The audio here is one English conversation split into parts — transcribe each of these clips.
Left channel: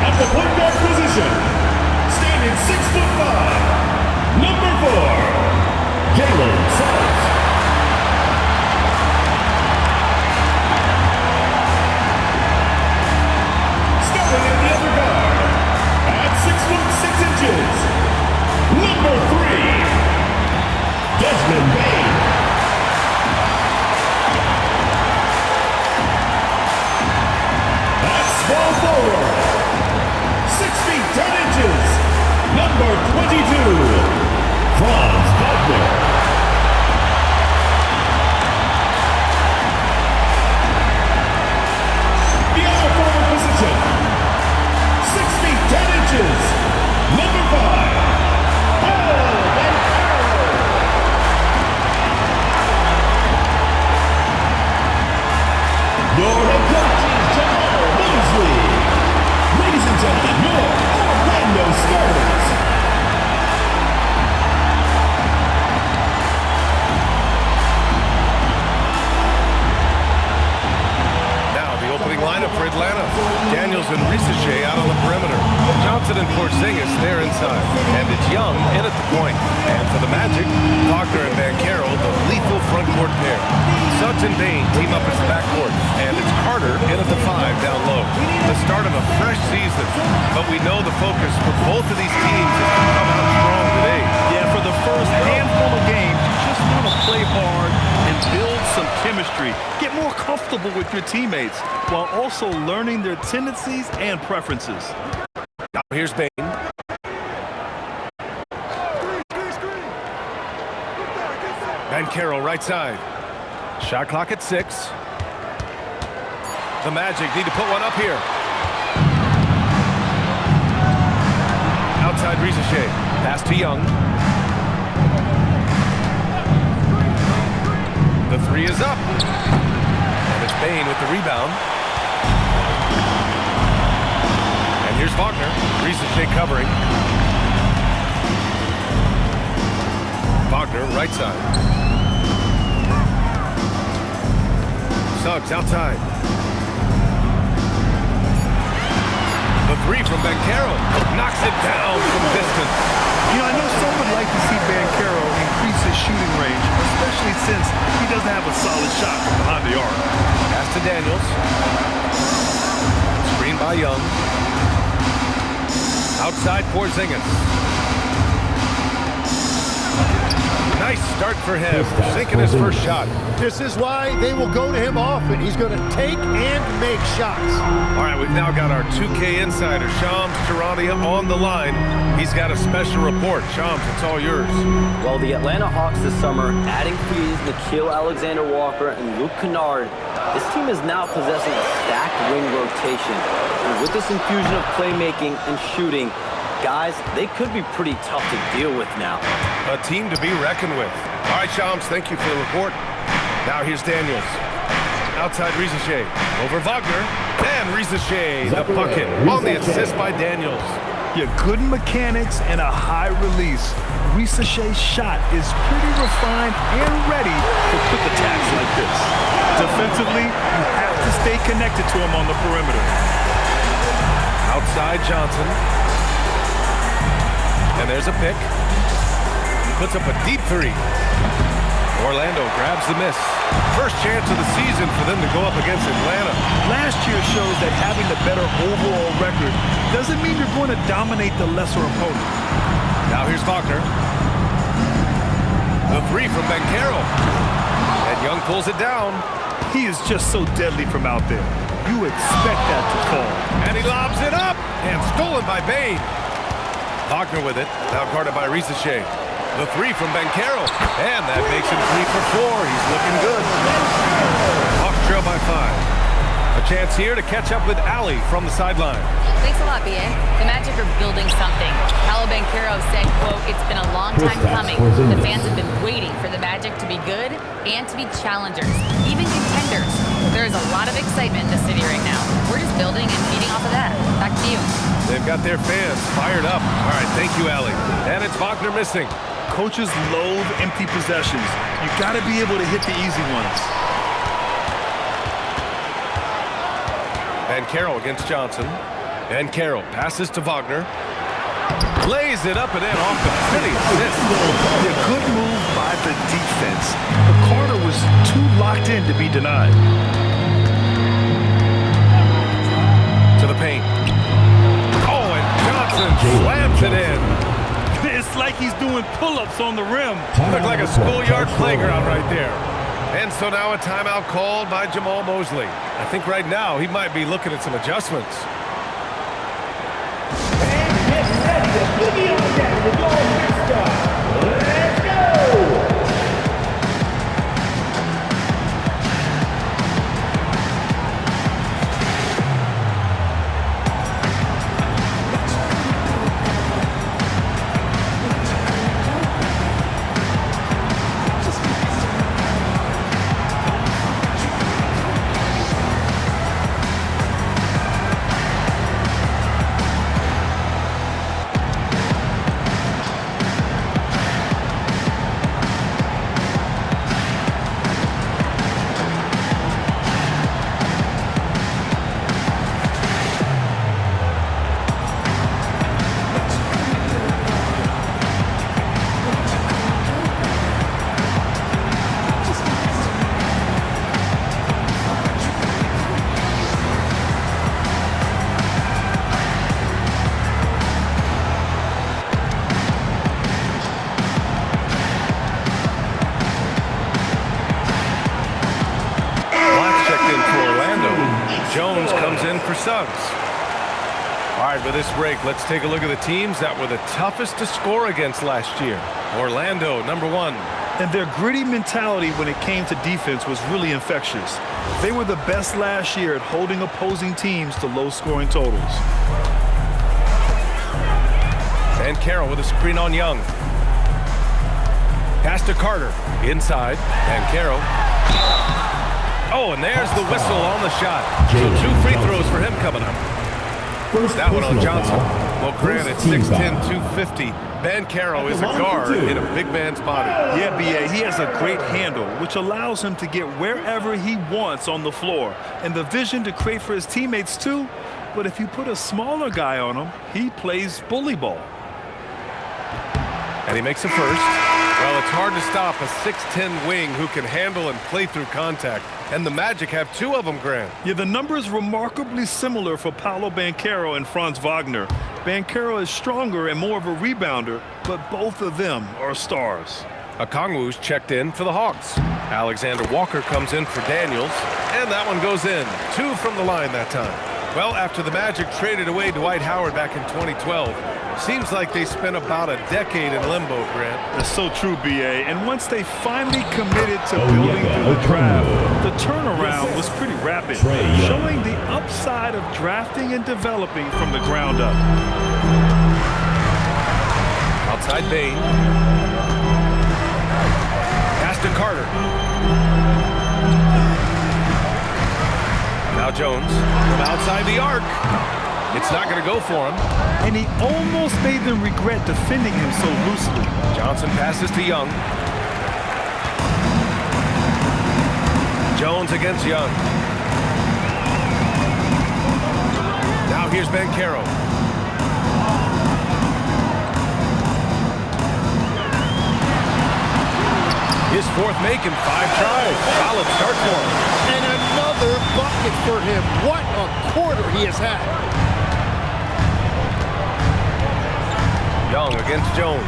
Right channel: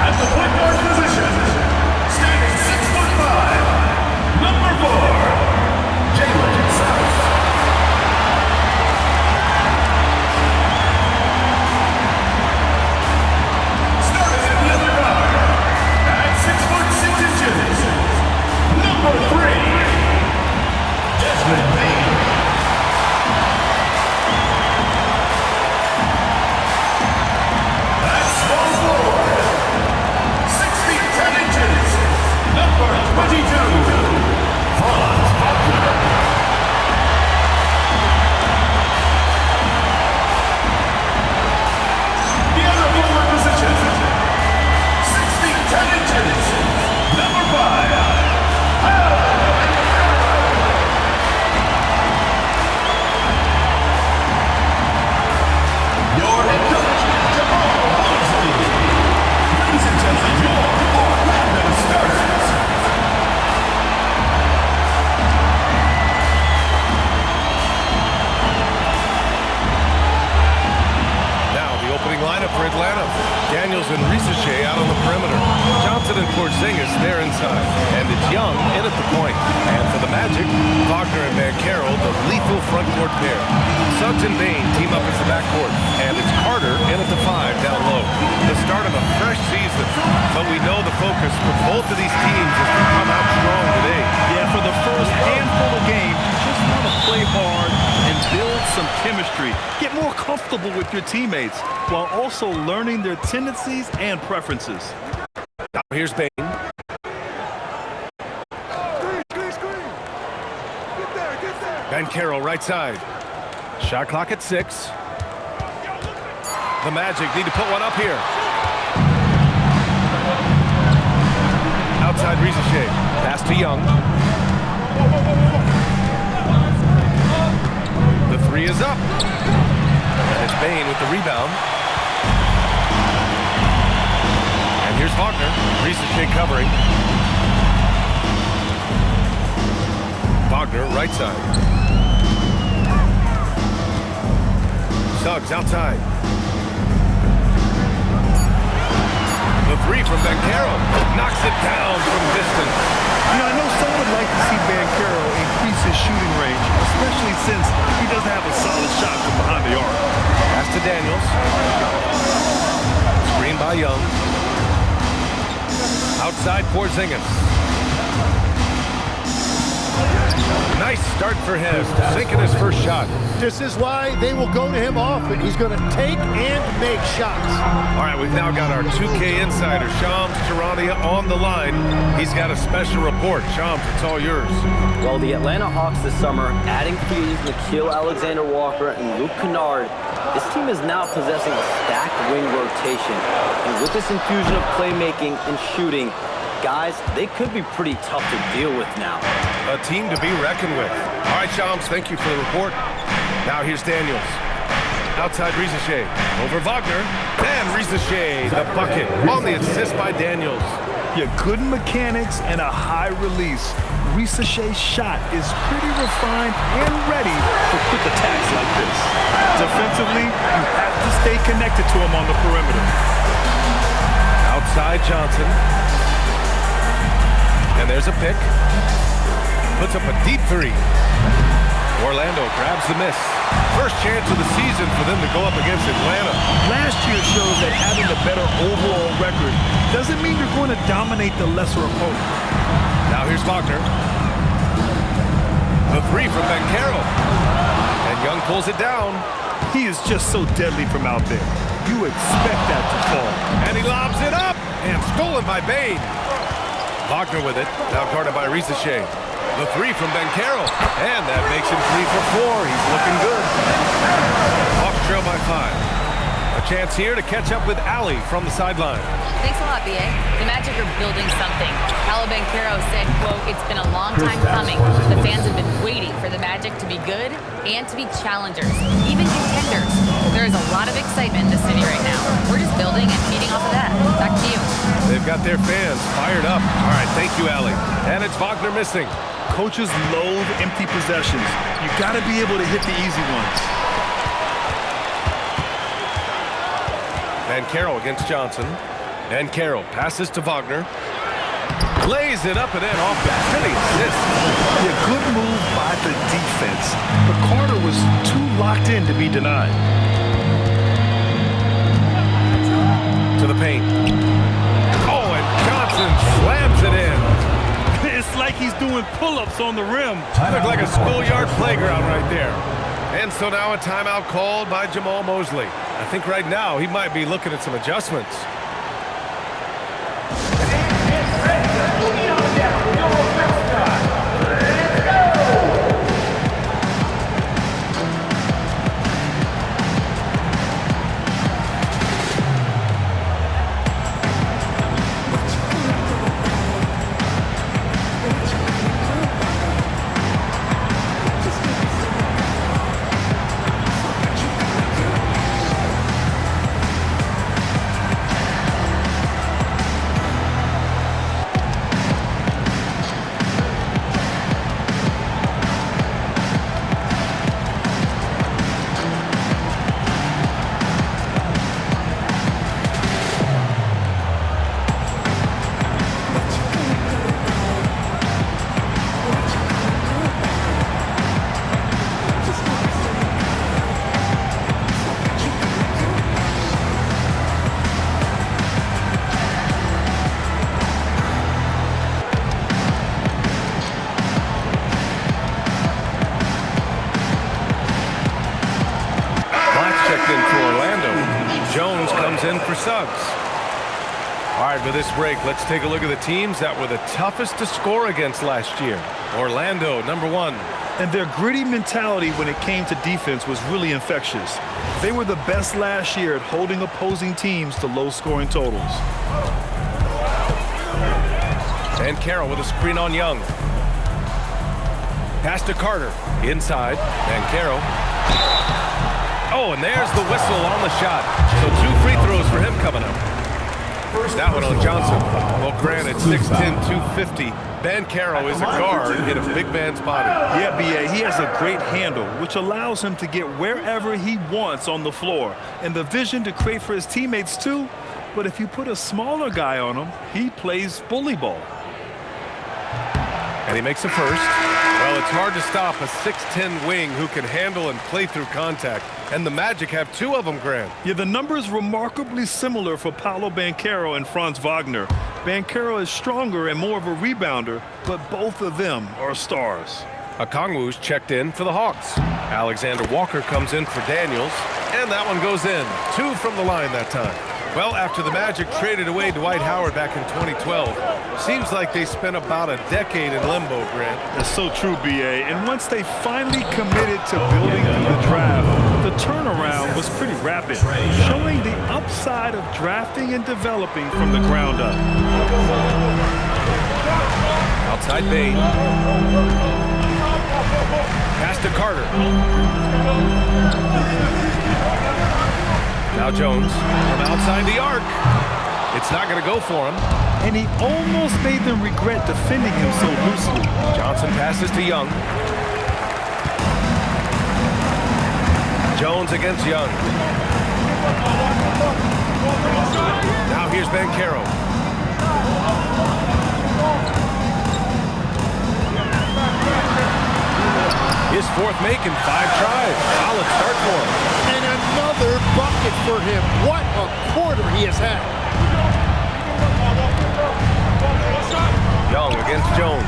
At the point guard position, standing 6'5", number 4, Jalen Suggs. Starting at the other guard, at 6'6", number 3, Desmond Bane. At small forward, 6 feet 10 inches, number 22, Franz Wagner. The other forward position, 6 feet 10 inches, number 5, your head coach is Jamal Mosley. Ladies and gentlemen, your Orlando Stars. Now the opening lineup for Atlanta. Daniels and Risache out on the perimeter. Johnson and Porzingis there inside. And it's Young in at the point. And for the Magic, Wagner and banchero, the lethal front court pair. Suggs and Bane team up as the backcourt. And it's Carter in at the 5 down low. The start of a fresh season. But we know the focus for both of these teams is to come out strong today. Yeah, for the first handful of games, you just want to play hard and build some chemistry. Get more comfortable with your teammates while also learning their tendencies and preferences. Now here's Bane. Screen. Get there. Banchero right side. Shot clock at 6. The Magic need to put one up here. Outside Risache. Pass to Young. The 3 is up. And it's Bane with the rebound. And here's Wagner. Risache covering. Wagner right side. Suggs outside. The 3 from banchero. Knocks it down from distance. You know, I know some would like to see banchero increase his shooting range, especially since he doesn't have a solid shot from behind the arc. Pass to Daniels. Screen by Young. Outside Porzingis. Nice start for him, sinking his first shot. This is why they will go to him often. He's going to take and make shots. All right, we've now got our 2K insider, Shams Charania, on the line. He's got a special report. Shams, it's all yours. Well, the Atlanta Hawks this summer, adding frees Nickeil Alexander-Walker and Luke Kennard, this team is now possessing a stacked wing rotation. And with this infusion of playmaking and shooting, guys, they could be pretty tough to deal with now. A team to be reckoned with. All right, Shams, thank you for the report. Now here's Daniels. Outside Risache. Over Wagner. And Risache, the bucket, on the assist by Daniels. Yeah, good mechanics and a high release. Risache's shot is pretty refined and ready for quick attacks like this. Defensively, you have to stay connected to him on the perimeter. Outside Johnson. And there's a pick. Puts up a deep 3. Orlando grabs the miss. First chance of the season for them to go up against Atlanta. Last year shows that having the better overall record doesn't mean you're going to dominate the lesser opponent. Now here's Wagner. The 3 from banchero. And Young pulls it down. He is just so deadly from out there. You expect that to fall. And he lobs it up. And stolen by Bane. Wagner with it. Now guarded by Risache. The 3 from banchero. And that makes him 3 for 4. He's looking good. Hawks trail by 5. A chance here to catch up with Ali from the sideline. Thanks a lot, B.A. The Magic are building something. Pablo banchero said, quote, "It's been a long time coming. The fans have been waiting for the Magic to be good and to be challengers, even contenders. There is a lot of excitement in the city right now. We're just building and feeding off of that. Back to you." They've got their fans fired up. All right, thank you, Ali. And it's Wagner missing. Coaches loathe empty possessions. You got to be able to hit the easy ones. Banchero against Johnson. Banchero passes to Wagner. Lays it up and in off the pretty assist. Yeah, good move by the defense. But Carter was too locked in to be denied. To the paint. Oh, and Johnson slams it in. It's like he's doing pull-ups on the rim. Looked like a schoolyard playground right there. And so now a timeout called by Jamal Mosley. I think right now he might be looking at some adjustments. Boogie on down with your mascot. Let's go! Checked in for Orlando. Jones comes in for Suggs. All right, with this break, let's take a look at the teams that were the toughest to score against last year. Orlando, number 1. And their gritty mentality when it came to defense was really infectious. They were the best last year at holding opposing teams to low-scoring totals. Banchero with a screen on Young. Pass to Carter. Inside. Banchero. Oh, and there's the whistle on the shot. So 2 free throws for him coming up. That one on Johnson. Well, granted, 6'10", 250. Banchero is a guard in a big man's body. Yeah, B.A., he has a great handle, which allows him to get wherever he wants on the floor. And the vision to create for his teammates, too. But if you put a smaller guy on him, he plays bully ball. And he makes a first. Well, it's hard to stop a 6'10" wing who can handle and play through contact. And the Magic have 2 of them, Grant. Yeah, the numbers remarkably similar for Paolo Banchero and Franz Wagner. Banchero is stronger and more of a rebounder, but both of them are stars. Okongwu's checked in for the Hawks. Alexander Walker comes in for Daniels, and that one goes in. 2 from the line that time. Well, after the Magic traded away Dwight Howard back in 2012, seems like they spent about a decade in limbo, Grant. That's so true, B.A. And once they finally committed to building through the draft, the turnaround was pretty rapid, showing the upside of drafting and developing from the ground up. Outside Bain. Pass to Carter. Now Jones from outside the arc. It's not going to go for him. And he almost made them regret defending him so loosely. Johnson passes to Young. Jones against Young. Now here's Banchero. His 4th make in 5 tries. Solid start for him. And another bucket for him. What a quarter he has had. Young against Jones.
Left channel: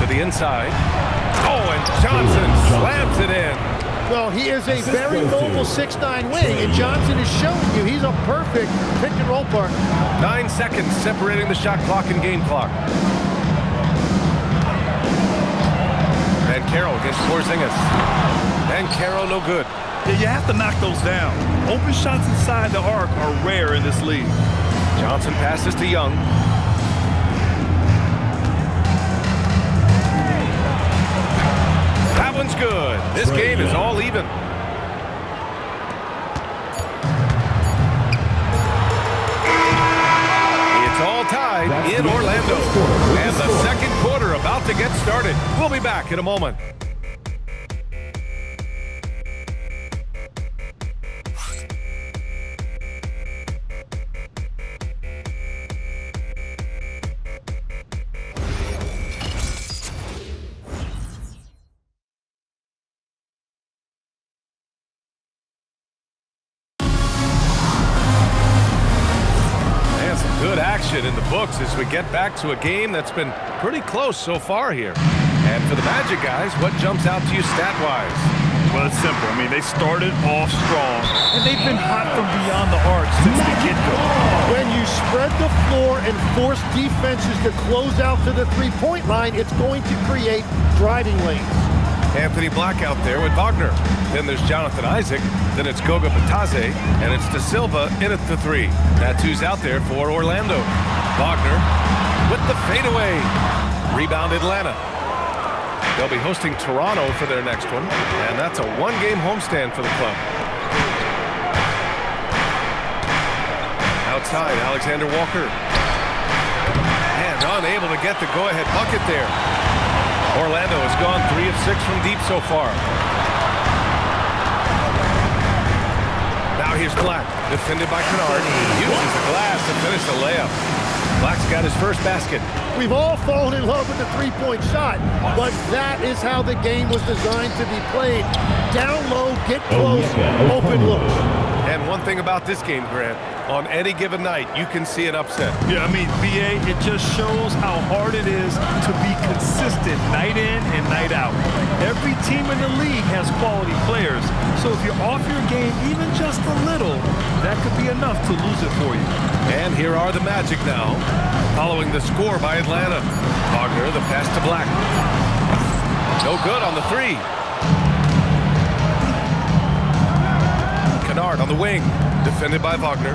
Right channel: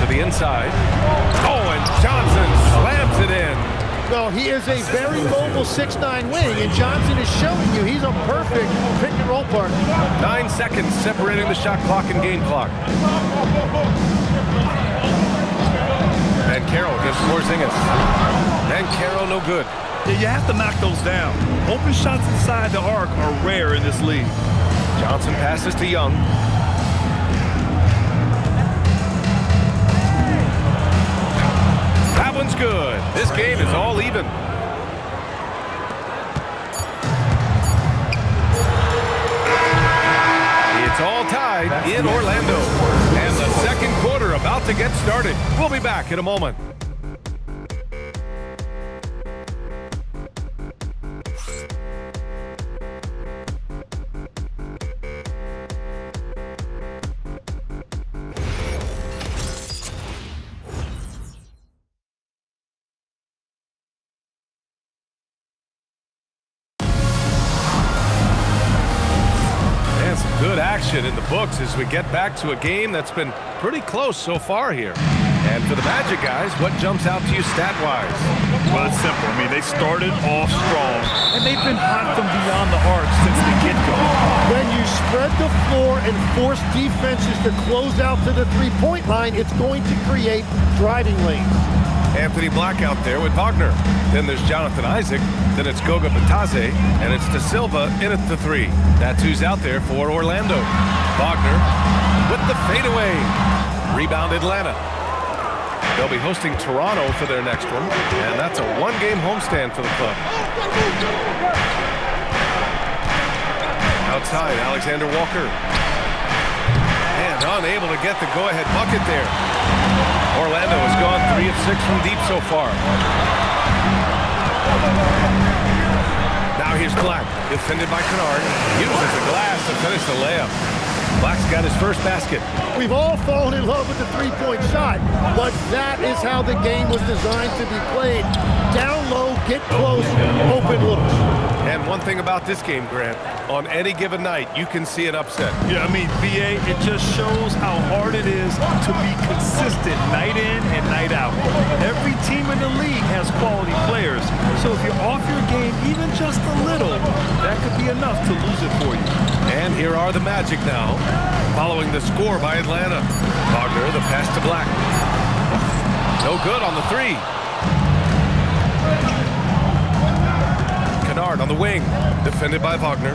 To the inside. Oh, and Johnson slams it in. Well, he is a very mobile 6'9" wing, and Johnson is showing you he's a perfect pick-and-roll partner. 9 seconds separating the shot clock and game clock. Banchero against Porzingis. Banchero no good. Yeah, you have to knock those down. Open shots inside the arc are rare in this league. Johnson passes to Young. That one's good. This game is all even. It's It's all tied in Orlando. And the second quarter about to get started. We'll be back in a moment. And some good action in the books as we get back to a game that's been pretty close so far here. And for the Magic guys, what jumps out to you stat-wise? Well, it's simple. I mean, they started off strong, and they've been hot from beyond the arc since the get-go. When you spread the floor and force defenses to close out to the three-point line, it's going to create driving lanes. Anthony Black out there with Wagner. Then there's Jonathan Isaac. Then it's Goga Batadze, and it's De Silva in at the three. That's who's out there for Orlando. Wagner with the fadeaway. Rebound Atlanta. They'll be hosting Toronto for their next one, and that's a one-game homestand for the club. Outside, Alexander Walker. And unable to get the go-ahead bucket there. Orlando has gone 3 of 6 from deep so far. Now here's Black, defended by Kennard. Uses the glass to finish the layup. Black's got his first basket. We've all fallen in love with the three-point shot, but that is how the game was designed to be played. Down low, get close, open looks. And one thing about this game, Grant, on any given night, you can see an upset. Yeah, I mean, VA, it just shows how hard it is to be consistent night in and night out. Every team in the league has quality players, so if you're off your game even just a little, that could be enough to lose it for you. And here are the Magic now, following the score by Atlanta. Wagner, the pass to Black. No good on the three. Kennard on the wing, defended by Wagner.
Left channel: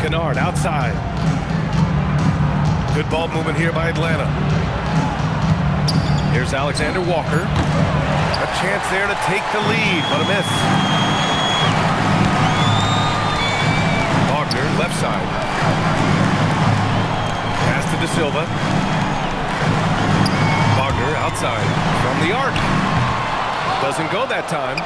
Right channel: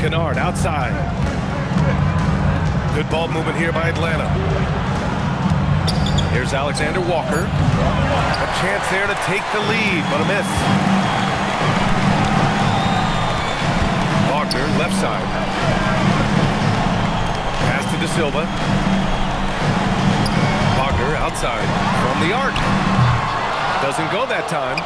Kennard outside. Good ball movement here by Atlanta. Here's Alexander Walker. A chance there to take the lead, but a miss. Wagner, left side. Pass to De Silva. Wagner outside from the arc. Doesn't go that time.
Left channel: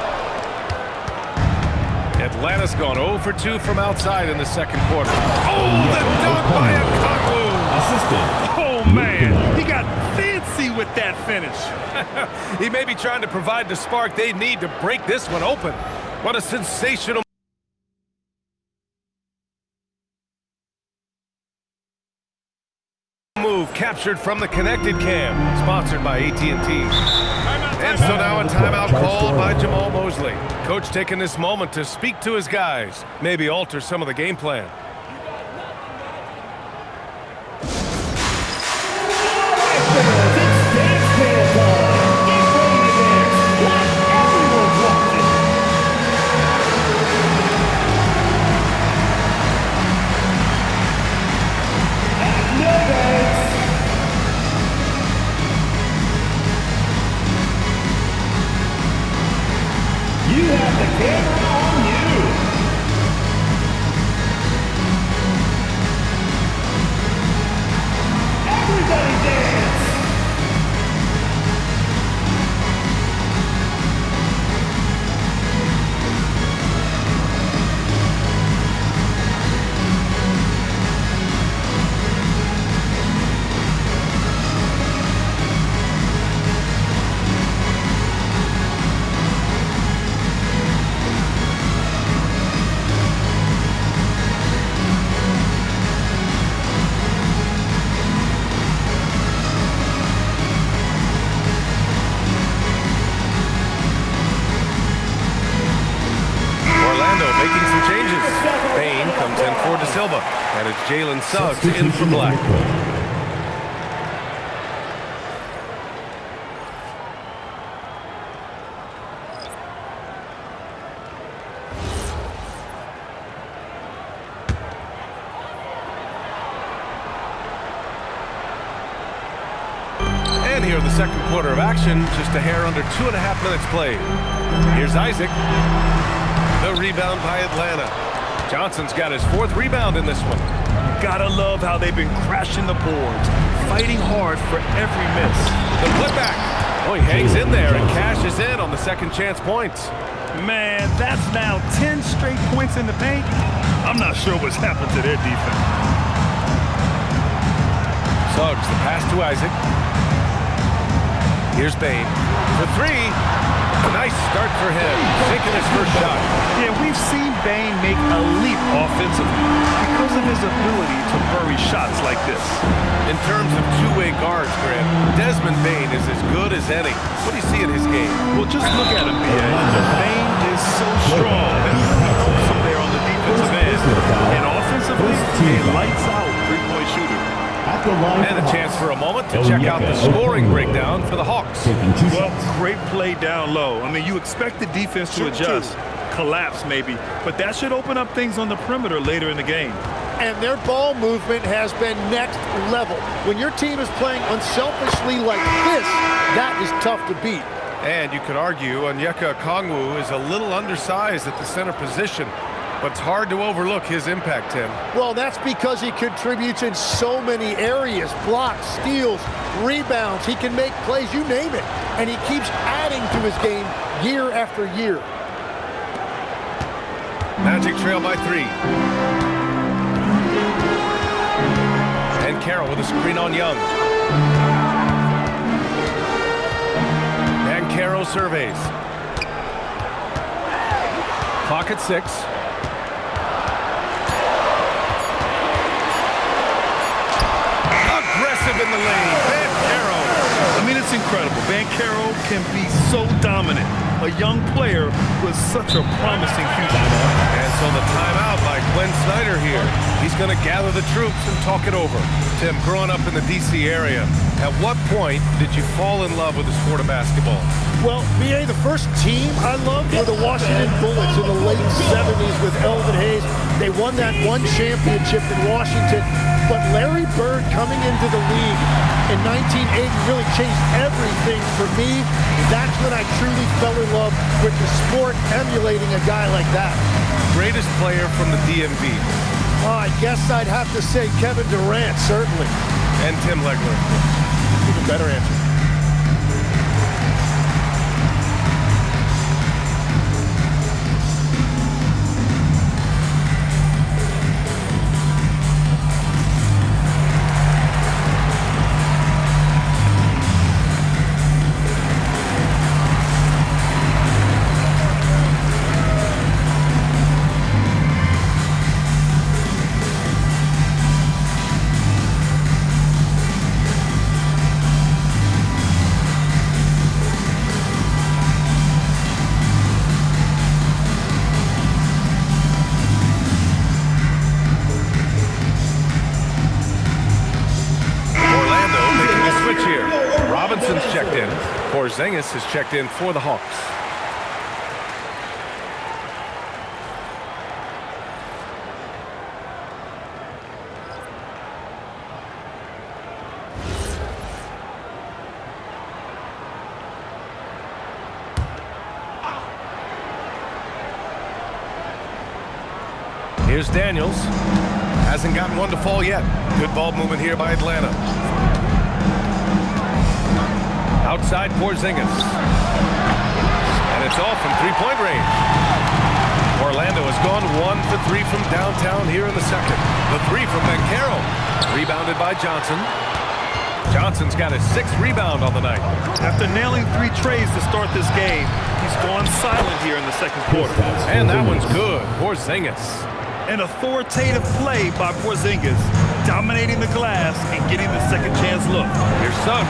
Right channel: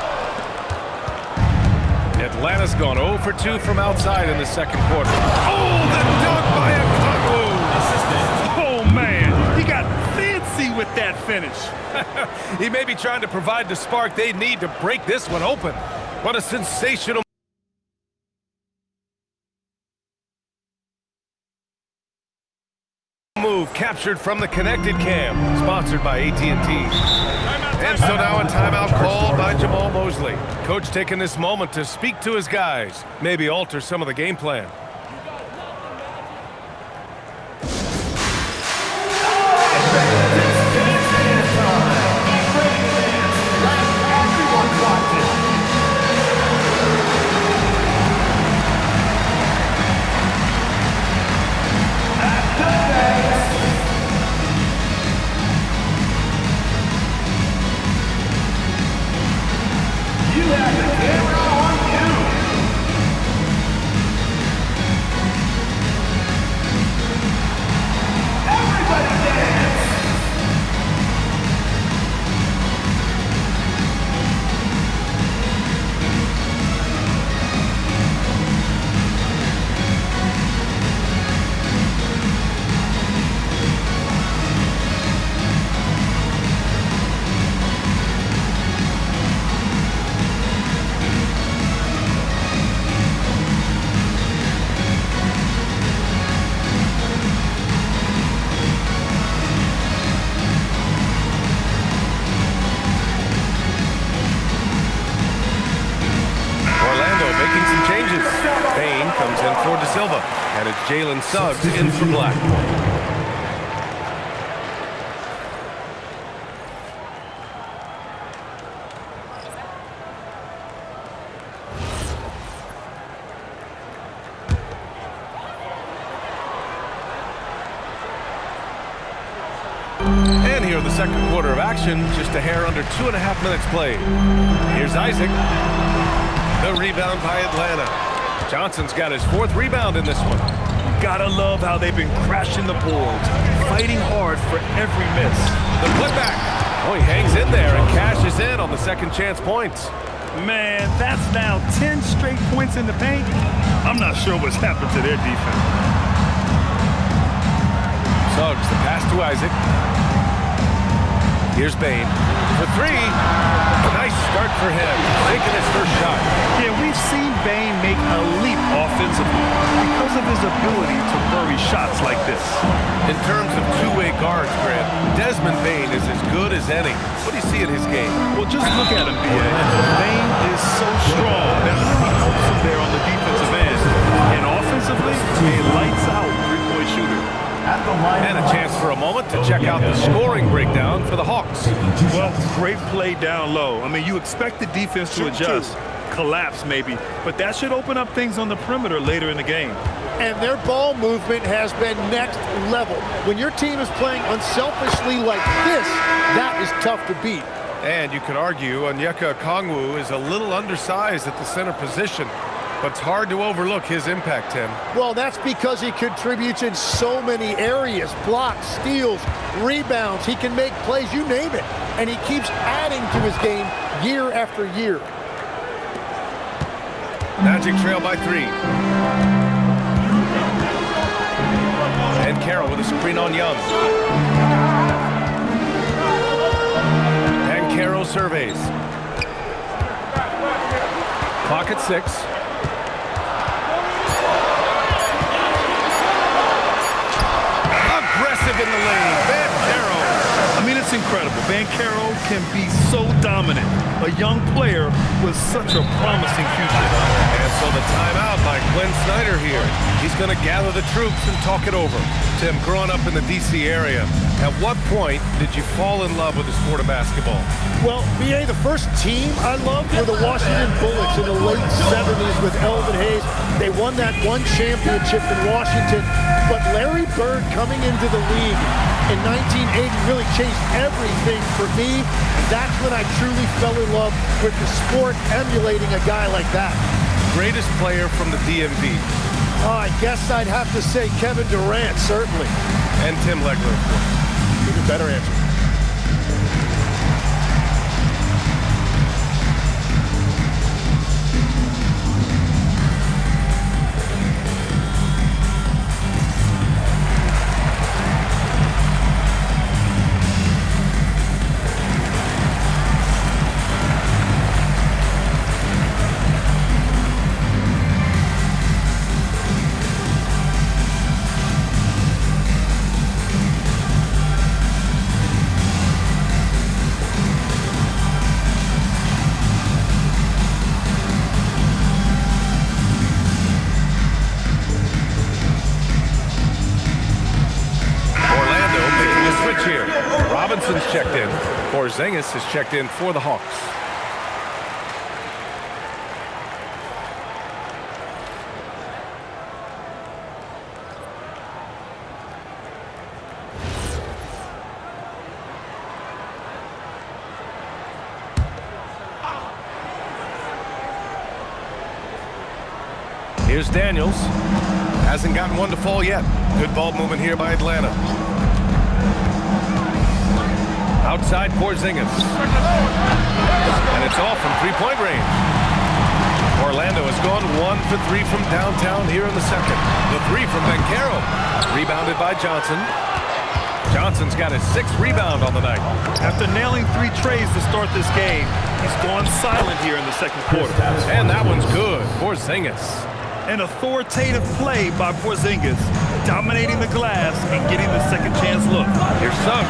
Atlanta's gone 0 for 2 from outside in the second quarter. Oh, the dunk by Okongwu! Assistant. Oh, man, he got fancy with that finish. He may be trying to provide the spark they need to break this one open. What a sensational move captured from the connected cam, sponsored by AT&T. And so now a timeout called by Jamal Mosley. Coach taking this moment to speak to his guys, maybe alter some of the game plan. You have the camera on you. Everybody dance. Orlando making some changes. Bain comes in for De Silva, and it's Jalen Suggs in for Black. And here in the second quarter of action, just a hair under 2.5 minutes played. Here's Isaac. The rebound by Atlanta. Johnson's got his 4th rebound in this one. You gotta love how they've been crashing the boards, fighting hard for every miss. The putback. Oh, he hangs in there and cashes in on the second chance points. Man, that's now 10 straight points in the paint. I'm not sure what's happened to their defense. Suggs, the pass to Isaac. Here's Bane for 3. Nice start for him, taking his first shot. Yeah, we've seen Bane make a leap offensively because of his ability to bury shots like this. In terms of two-way guards, Grant, Desmond Bane is as good as any. What do you see in his game? Well, just look at him, B.A. Bane is so strong. That really helps him there on the defensive end. And offensively, a lights-out three-point shooter. And a chance for a moment to check out the scoring breakdown for the Hawks. Well, great play down low. I mean, you expect the defense to adjust, collapse maybe, but that should open up things on the perimeter later in the game. And their ball movement has been next level. When your team is playing unselfishly like this, that is tough to beat. And you could argue Onyeka Okongwu is a little undersized at the center position, but it's hard to overlook his impact, Tim. Well, that's because he contributes in so many areas. Blocks, steals, rebounds. He can make plays, you name it. And he keeps adding to his game year after year. Magic trail by 3. And Carroll with a screen on Young. And Carroll surveys. Clock at 6. Aggressive in the lane, Banchero. I mean, it's incredible. Banchero can be so dominant. A young player with such a promising future. And so the timeout by Quinn Snyder here. He's going to gather the troops and talk it over. Tim, growing up in the D.C. area, at what point did you fall in love with the sport of basketball? Well, B.A., the first team I loved were the Washington Bullets in the late 70s with Elvin Hayes. They won that one championship in Washington. But Larry Bird coming into the league in 1980 really changed everything for me. That's when I truly fell in love with the sport, emulating a guy like that. Greatest player from the DMV? Oh, I guess I'd have to say Kevin Durant, certainly. And Tim Legler, of course. Even better answer. Here. Robinson's checked in. Porzingis has checked in for the Hawks. Here's Daniels. Hasn't gotten one to fall yet. Good ball movement here by Atlanta. Outside Porzingis. And it's off from three-point range. Orlando has gone 1 for 3 from downtown here in the second. The 3 from Banchero. Rebounded by Johnson. Johnson's got his 6th rebound on the night. After nailing 3 trays to start this game, he's gone silent here in the second quarter. And that one's good. Porzingis. An authoritative play by Porzingis, dominating the glass and getting the second chance look. Here's Suggs.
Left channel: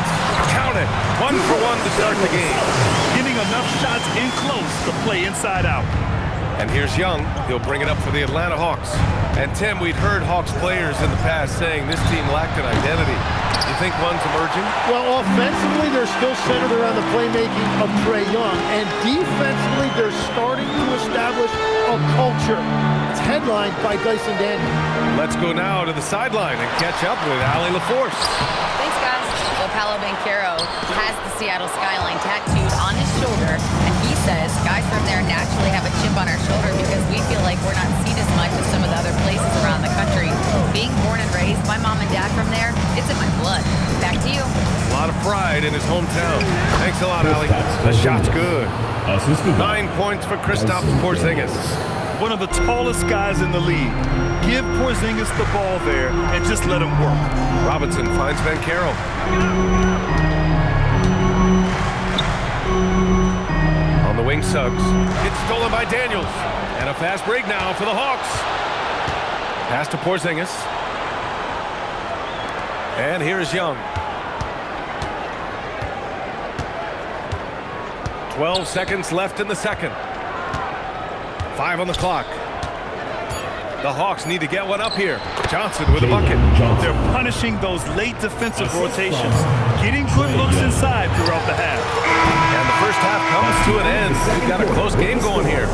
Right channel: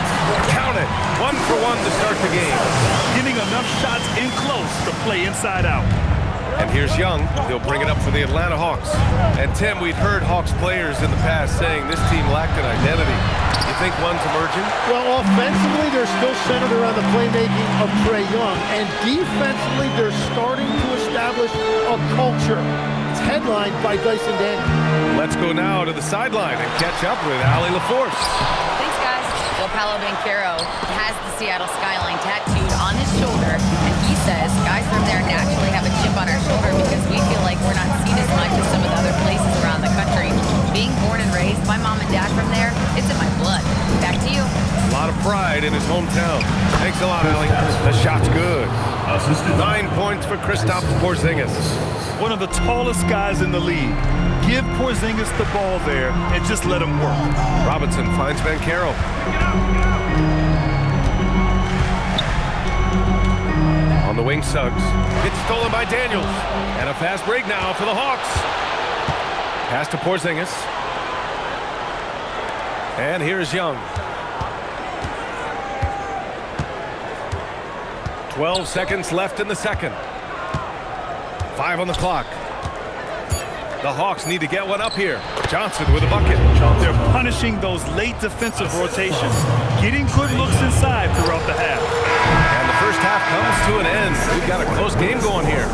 Count it. 1 for 1 to start the game. Getting enough shots in close to play inside out. And here's Young. He'll bring it up for the Atlanta Hawks. And Tim, we'd heard Hawks players in the past saying this team lacked an identity. You think one's emerging? Well, offensively, they're still centered around the playmaking of Trae Young. And defensively, they're starting to establish a culture. It's headlined by Dyson Daniels. Let's go now to the sideline and catch up with Allie LaForce. Thanks, guys. Well, Paolo Banchero has the Seattle skyline tattooed on his shoulder, and he says guys from there naturally have a chip on our shoulder because we feel like we're not seen as much as some pride in his hometown. Thanks a lot, Ali. The shot's good. Assisted 9 points for Kristaps Porzingis. One of the tallest guys in the league. Give Porzingis the ball there and just let him work. Robinson finds banchero. On the wing, Suggs. It's stolen by Daniels. And a fast break now for the Hawks. Pass to Porzingis. And here's Young. 12 seconds left in the second. 5 on the clock. The Hawks need to get one up here. Johnson with a bucket. They're punishing those late defensive rotations, getting good looks inside throughout the half. And the first half comes to an end. We've got a close game going here.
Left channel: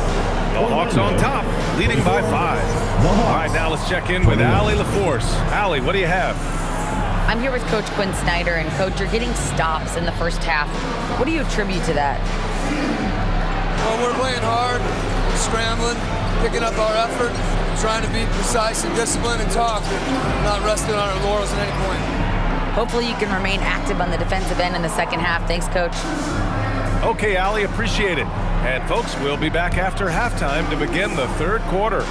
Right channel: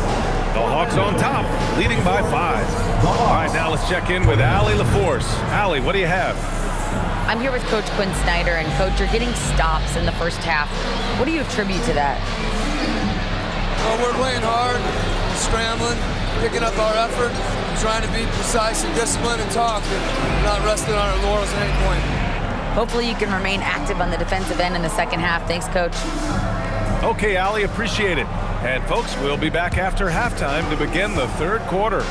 The Hawks on top, leading by 5. All right, now let's check in with Allie LaForce. Allie, what do you have? I'm here with Coach Quinn Snyder, and Coach, you're getting stops in the first half. What do you attribute to that? Well, we're playing hard, scrambling, picking up our effort, trying to be precise and disciplined and talk, and not resting on our laurels at any point. Hopefully you can remain active on the defensive end in the second half. Thanks, Coach. Okay, Allie, appreciate it. And folks, we'll be back after halftime to begin the third quarter.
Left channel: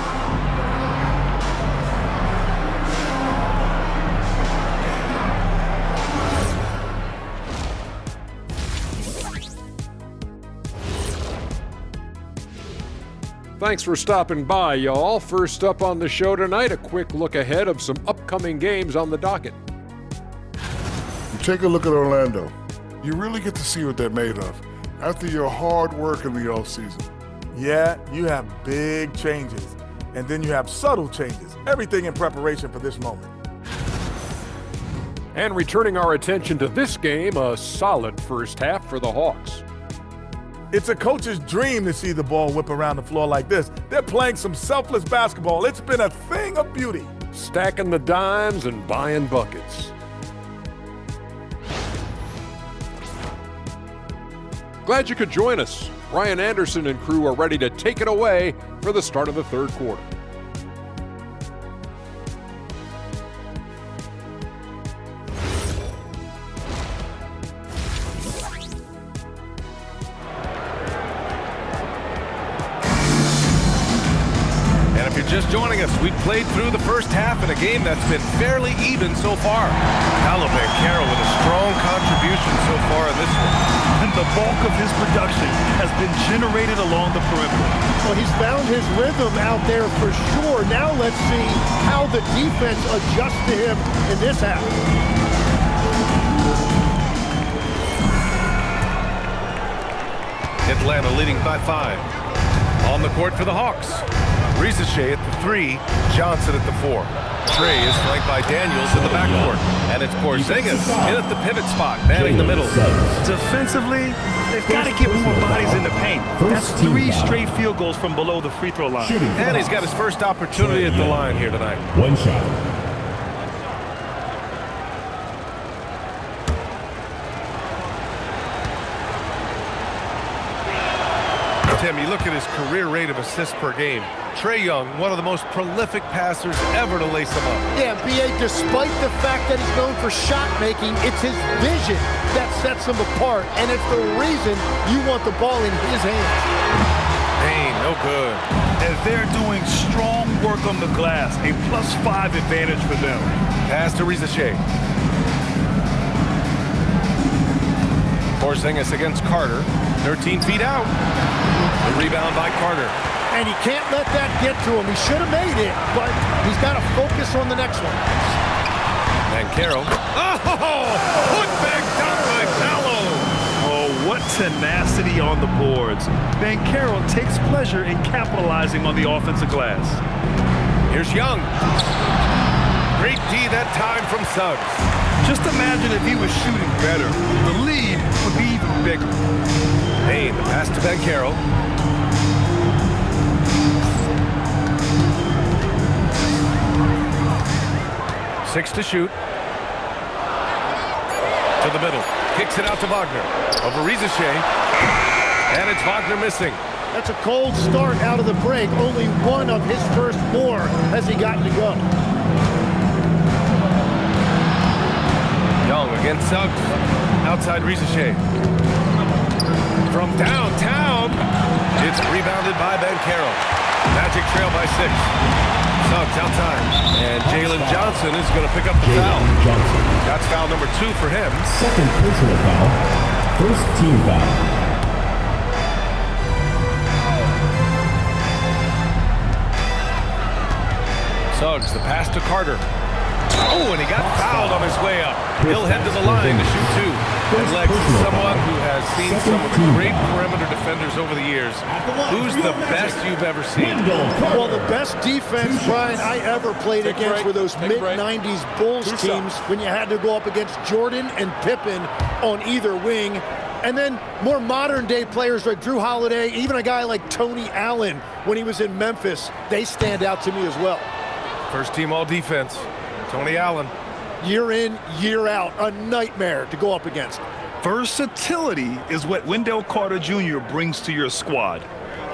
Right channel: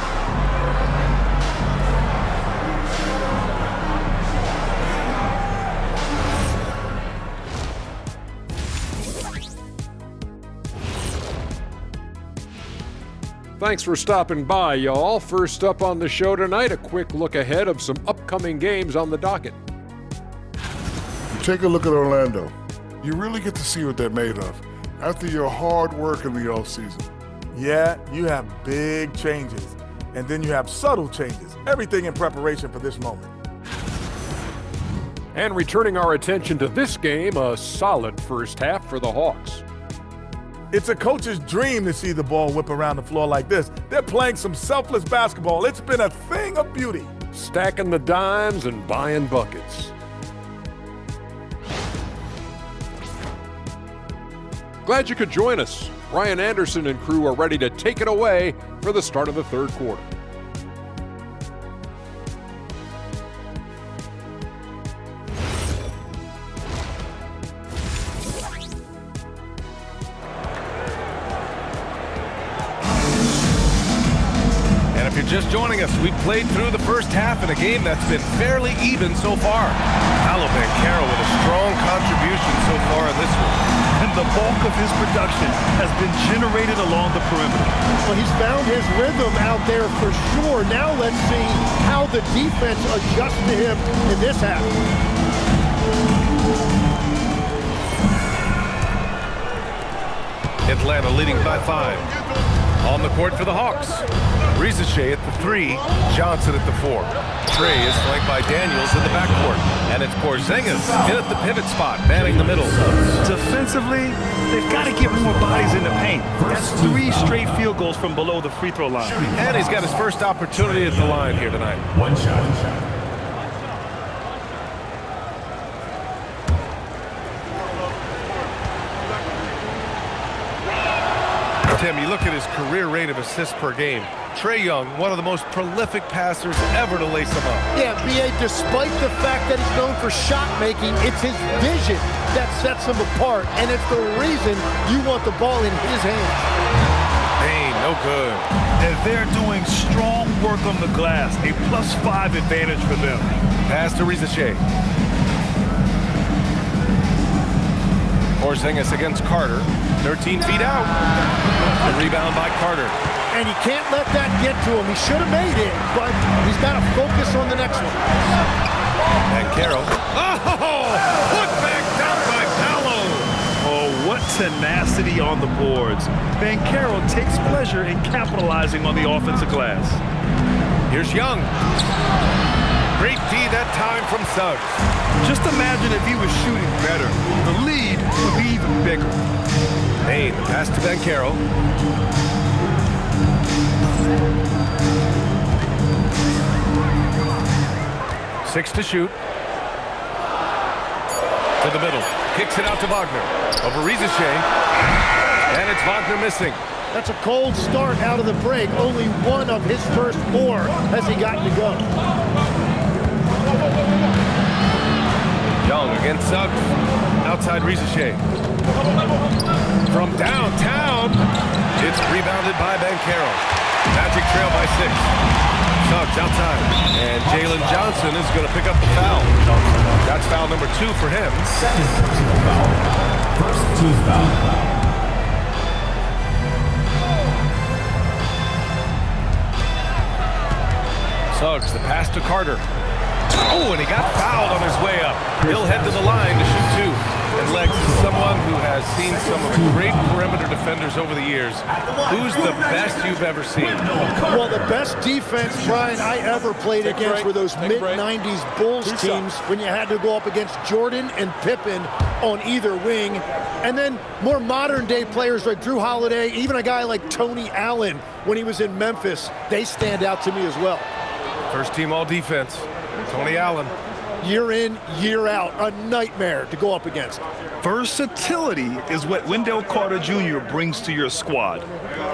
Thanks for stopping by, y'all. First up on the show tonight, a quick look ahead of some upcoming games on the docket. You take a look at Orlando. You really get to see what they're made of after your hard work in the offseason. Yeah, you have big changes, and then you have subtle changes. Everything in preparation for this moment. And returning our attention to this game, a solid first half for the Hawks. It's a coach's dream to see the ball whip around the floor like this. They're playing some selfless basketball. It's been a thing of beauty. Stacking the dimes and buying buckets. Glad you could join us. Ryan Anderson and crew are ready to take it away for the start of the third quarter. And if you're just joining us, we played through the first half in a game that's been fairly even so far. Pablo banchero with a strong contribution so far in this one. And the bulk of his production has been generated along the perimeter. Well, he's found his rhythm out there for sure. Now let's see how the defense adjusts to him in this half. Atlanta leading by 5. On the court for the Hawks. Risache at the 3, Johnson at the 4. Trey is flanked by Daniels in the backcourt. And it's Porzingis in at the pivot spot, manning the middle. Defensively, they've got to get more bodies in the paint. That's 3 straight field goals from below the free throw line. And he's got his first opportunity at the line here tonight. One shot. Tim, you look at his career rate of assists per game. Trae Young, one of the most prolific passers ever to lace him up. Yeah, B.A., despite the fact that he's known for shot making, it's his vision that sets him apart, and it's the reason you want the ball in his hands. Payne, no good. And they're doing strong work on the glass, a +5 advantage for them. Pass to Risache. Porzingis against Carter, 13 feet out. The rebound by Carter. And he can't let that get to him. He should have made it, but he's got to focus on the next one. Banchero. Oh! Put back down by Pablo. Oh, what tenacity on the boards. Banchero takes pleasure in capitalizing on the offensive glass. Here's Young. Great D that time from Suggs. Just imagine if he was shooting better. The lead would be even bigger. Payne, the pass to Banchero. Six to shoot. To the middle. Kicks it out to Wagner. Over Risache. And it's Wagner missing. That's a cold start out of the break. Only one of his first 4 has he gotten to go. Young against Suggs. Outside Rizachet. From downtown, it's rebounded by banchero. Magic trail by 6. Suggs outside. And Jalen Johnson is going to pick up the foul. That's foul number 2 for him. Second personal foul. First team foul. Suggs, the pass to Carter. Oh, and he got fouled on his way up. He'll head to the line to shoot 2. And Legs is someone who has seen some of the great perimeter defenders over the years. Who's the best you've ever seen? Well, the best defense, Brian, I ever played against were those mid-90s Bulls teams when you had to go up against Jordan and Pippen on either wing. And then more modern-day players like Drew Holiday, even a guy like Tony Allen when he was in Memphis, they stand out to me as well. First team all-defense, Tony Allen. Year in, year out, a nightmare to go up against. Versatility is what Wendell Carter Jr. brings to your squad.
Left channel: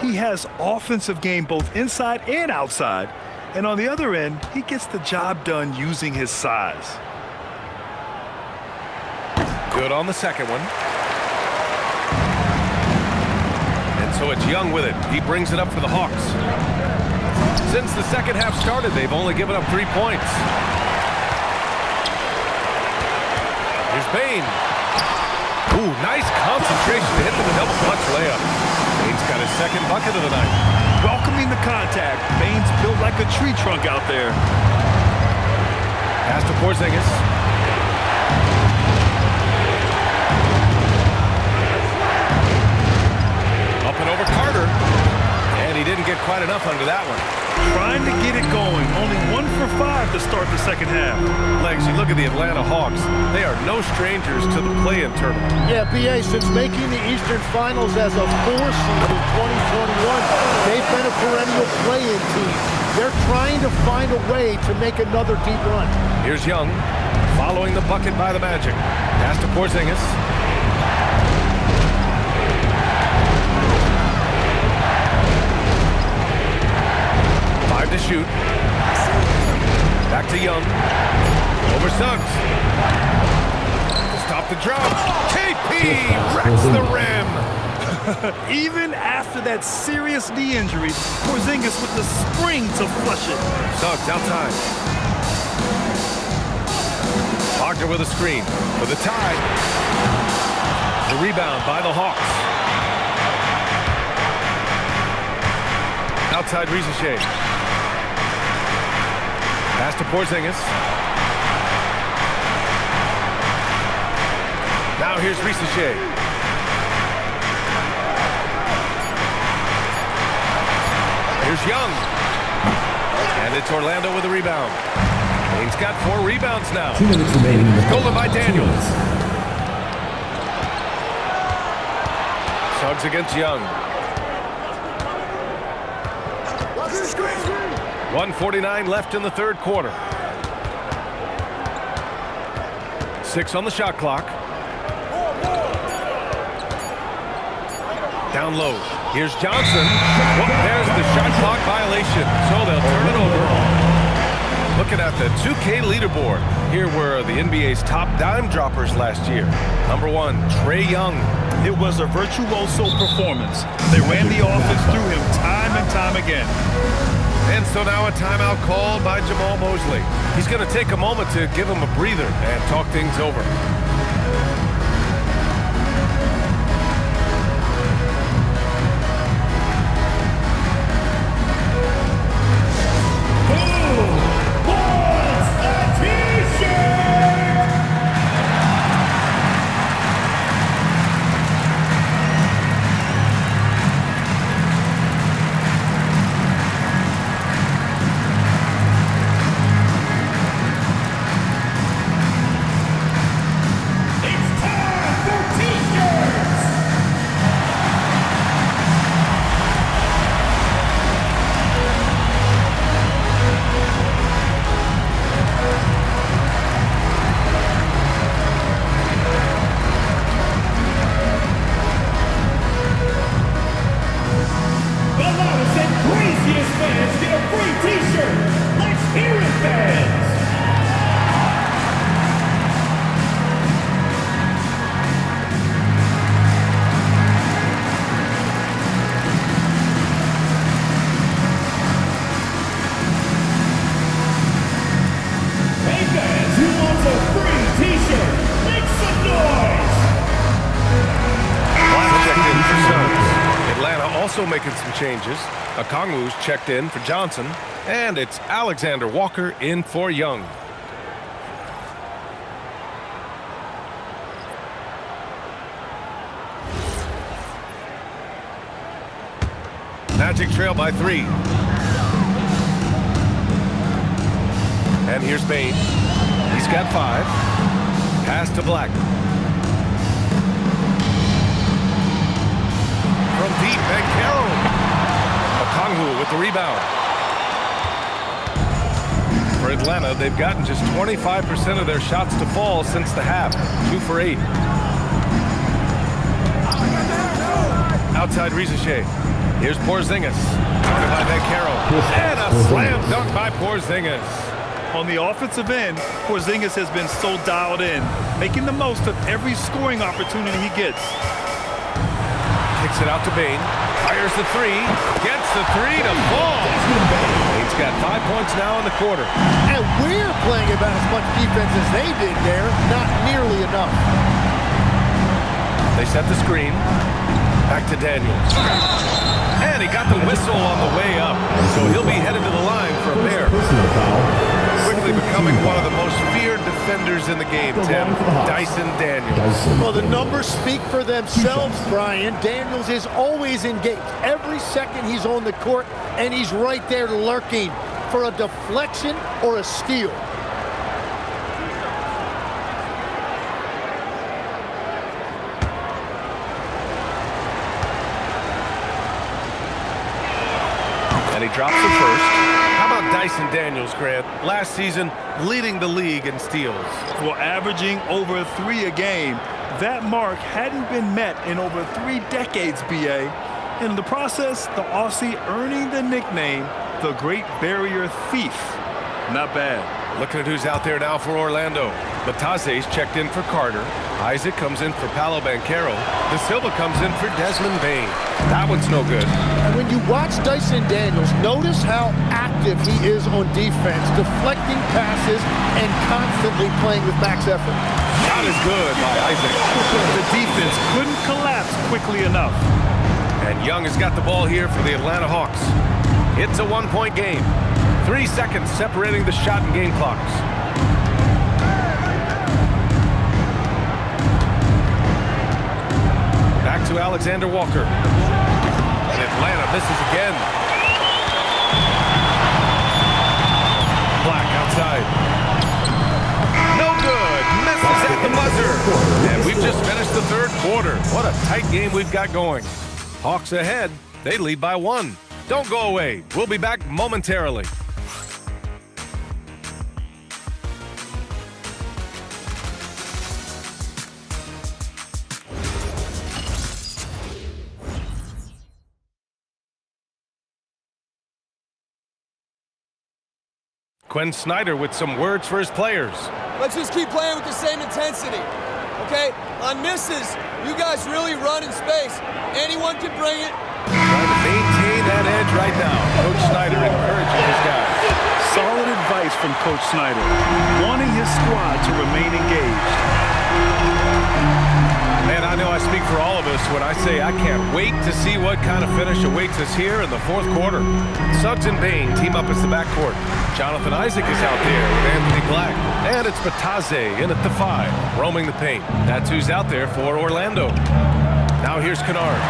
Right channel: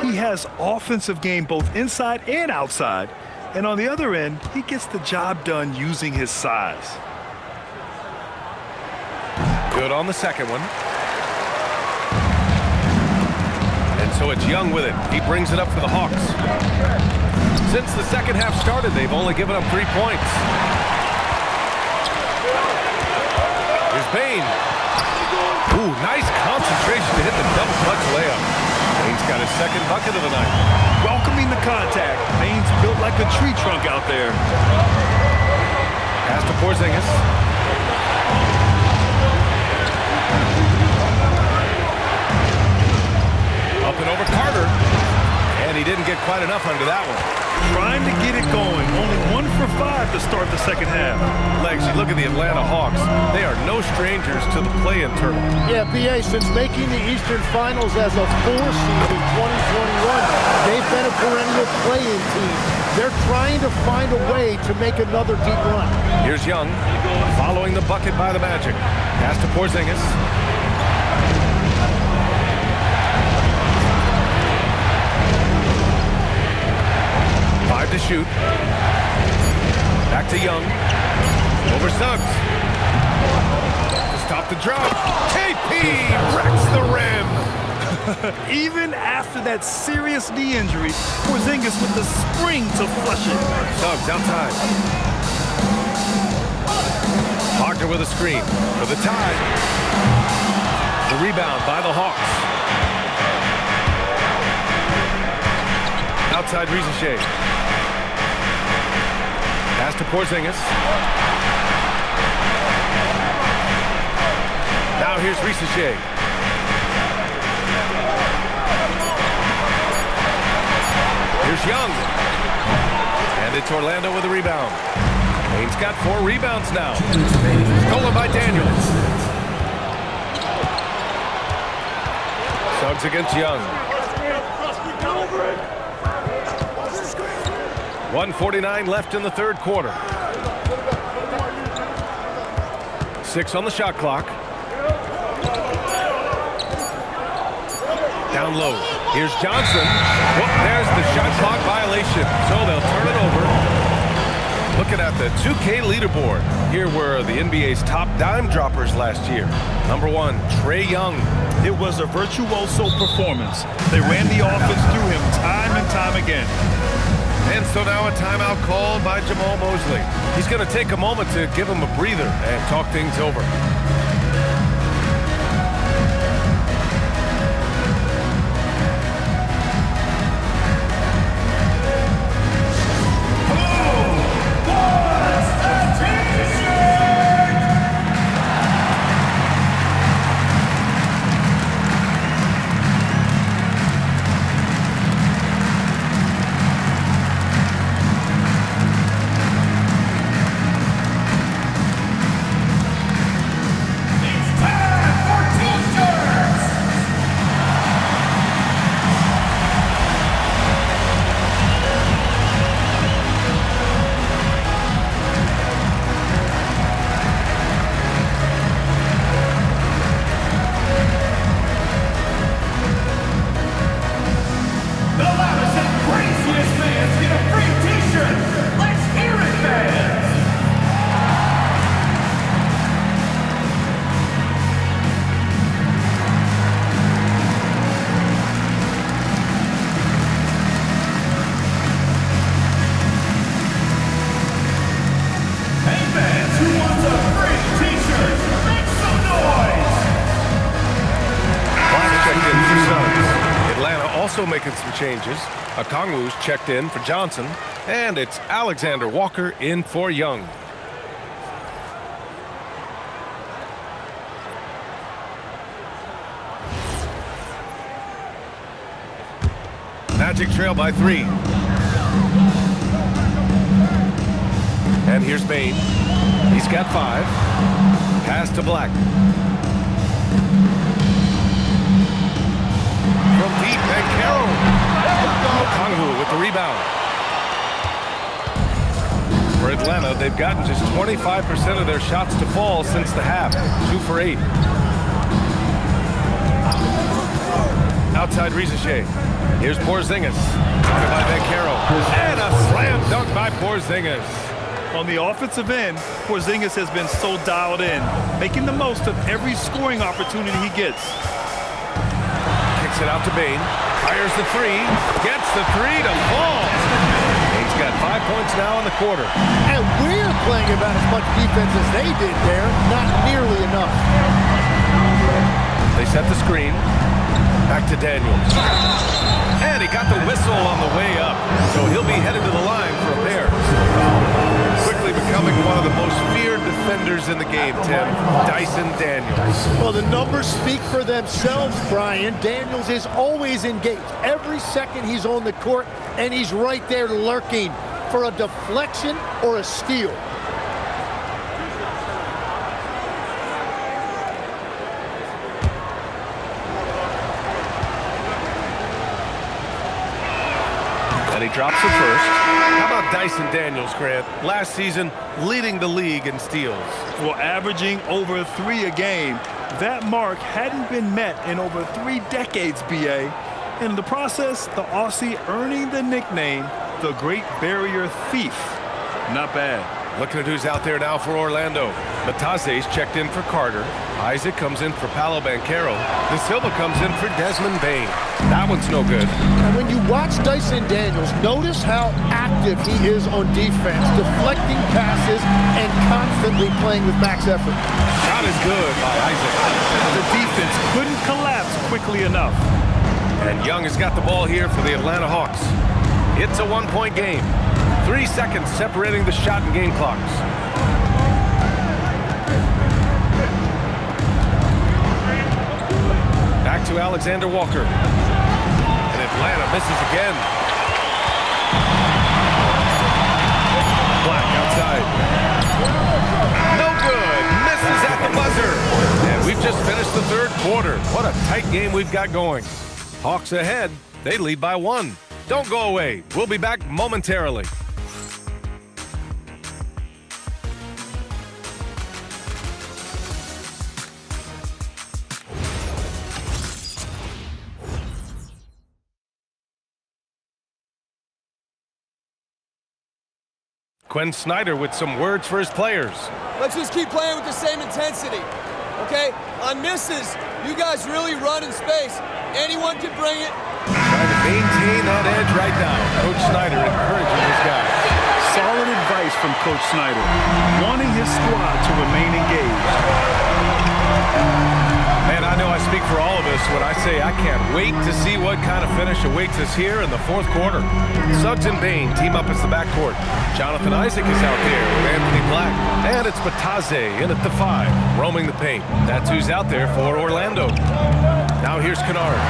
He has offensive game both inside and outside, and on the other end, he gets the job done using his size. Good on the second one. And so it's Young with it. He brings it up for the Hawks. Since the second half started, they've only given up 3 points. Here's Bane. Ooh, nice concentration to hit the double clutch layup. Bane's got his second bucket of the night. Welcoming the contact. Bane's built like a tree trunk out there. Pass to Porzingis. Up and over Carter. And he didn't get quite enough under that one. Trying to get it going. Only 1 for 5 to start the second half. Legs, you look at the Atlanta Hawks. They are no strangers to the play-in tournament. Yeah, BA, since making the Eastern Finals as a 4 seed in 2021, they've been a perennial play-in team. They're trying to find a way to make another deep run. Here's Young, following the bucket by the Magic. Pass to Porzingis. Five to shoot. Back to Young. Over Suggs. To stop the drop. KP wrecks the rim. Even after that serious knee injury, Porzingis with the spring to flush it. Suggs outside. Wagner with a screen for the tie. The rebound by the Hawks. Outside Rizachet. Pass to Porzingis. Now here's Rizachet. Here's Young. And it's Orlando with a rebound. Bane's got 4 rebounds now. 2 minutes remaining in the Stolen by Daniels. Suggs against Young. 1:49 left in the third quarter. 6 on the shot clock. Down low. Here's Johnson. Well, there's the shot clock violation. So they'll turn it over. Looking at the 2K leaderboard. Here were the NBA's top dime droppers last year. Number 1, Trae Young. It was a virtuoso performance. They ran the offense through him time and time again. And so now a timeout called by Jamal Mosley. He's going to take a moment to give him a breather and talk things over. Also making some changes. Okongwu's checked in for Johnson, and it's Alexander Walker in for Young. Magic trail by 3. And here's Bain. He's got 5. Pass to Black. From deep, banchero. Okongwu with the rebound. For Atlanta, they've gotten just 25% of their shots to fall since the half. 2 for 8. Outside Rizachet. Here's Porzingis. Guarded by banchero. And a slam dunk by Porzingis. On the offensive end, Porzingis has been so dialed in, making the most of every scoring opportunity he gets. Kicks it out to Bain. Fires the 3. Gets the 3 to fall. Bain's got 5 points now in the quarter. And we're playing about as much defense as they did there. Not nearly enough. They set the screen. Back to Daniels. And he got the whistle on the way up. So he'll be headed to the line for a pair. Quickly becoming one of the most feared defenders in the game, Tim. Dyson Daniels. Well, the numbers speak for themselves, Brian. Daniels is always engaged. Every second he's on the court, and he's right there lurking for a deflection or a steal. And he drops the first. How about Dyson Daniels, Grant? Last season, leading the league in steals. Well, averaging over 3 a game. That mark hadn't been met in over 3 decades, B.A. And in the process, the Aussie earning the nickname, the Great Barrier Thief. Not bad. Looking at who's out there now for Orlando. Bataze's checked in for Carter. Isaac comes in for Paolo Banchero. De Silva comes in for Desmond Bain. That one's no good. And when you watch Dyson Daniels, notice how active he is on defense, deflecting passes and constantly playing with max effort. Shot is good by Isaac. The defense couldn't collapse quickly enough. And Young has got the ball here for the Atlanta Hawks. It's a 1-point game. 3 seconds separating the shot and game clocks. Back to Alexander Walker. And Atlanta misses again. Black outside. No good. Misses at the buzzer. And we've just finished the 3rd quarter. What a tight game we've got going. Hawks ahead. They lead by 1. Don't go away. We'll be back momentarily. Quinn Snyder with some words for his players. Let's just keep playing with the same intensity, okay? On misses, you guys really run in space. Anyone can bring it. Trying to maintain that edge right now. Coach Snyder encouraging his guys. Solid advice from Coach Snyder, wanting his squad to remain engaged. Man, I know I speak for all of us when I say I can't wait to see what kind of finish awaits us here in the 4th quarter. Suggs and Bain team up as the backcourt. Jonathan Isaac is out there with Anthony Black. And it's Bataze in at the 5, roaming the paint. That's who's out there for Orlando. Now here's Kennard.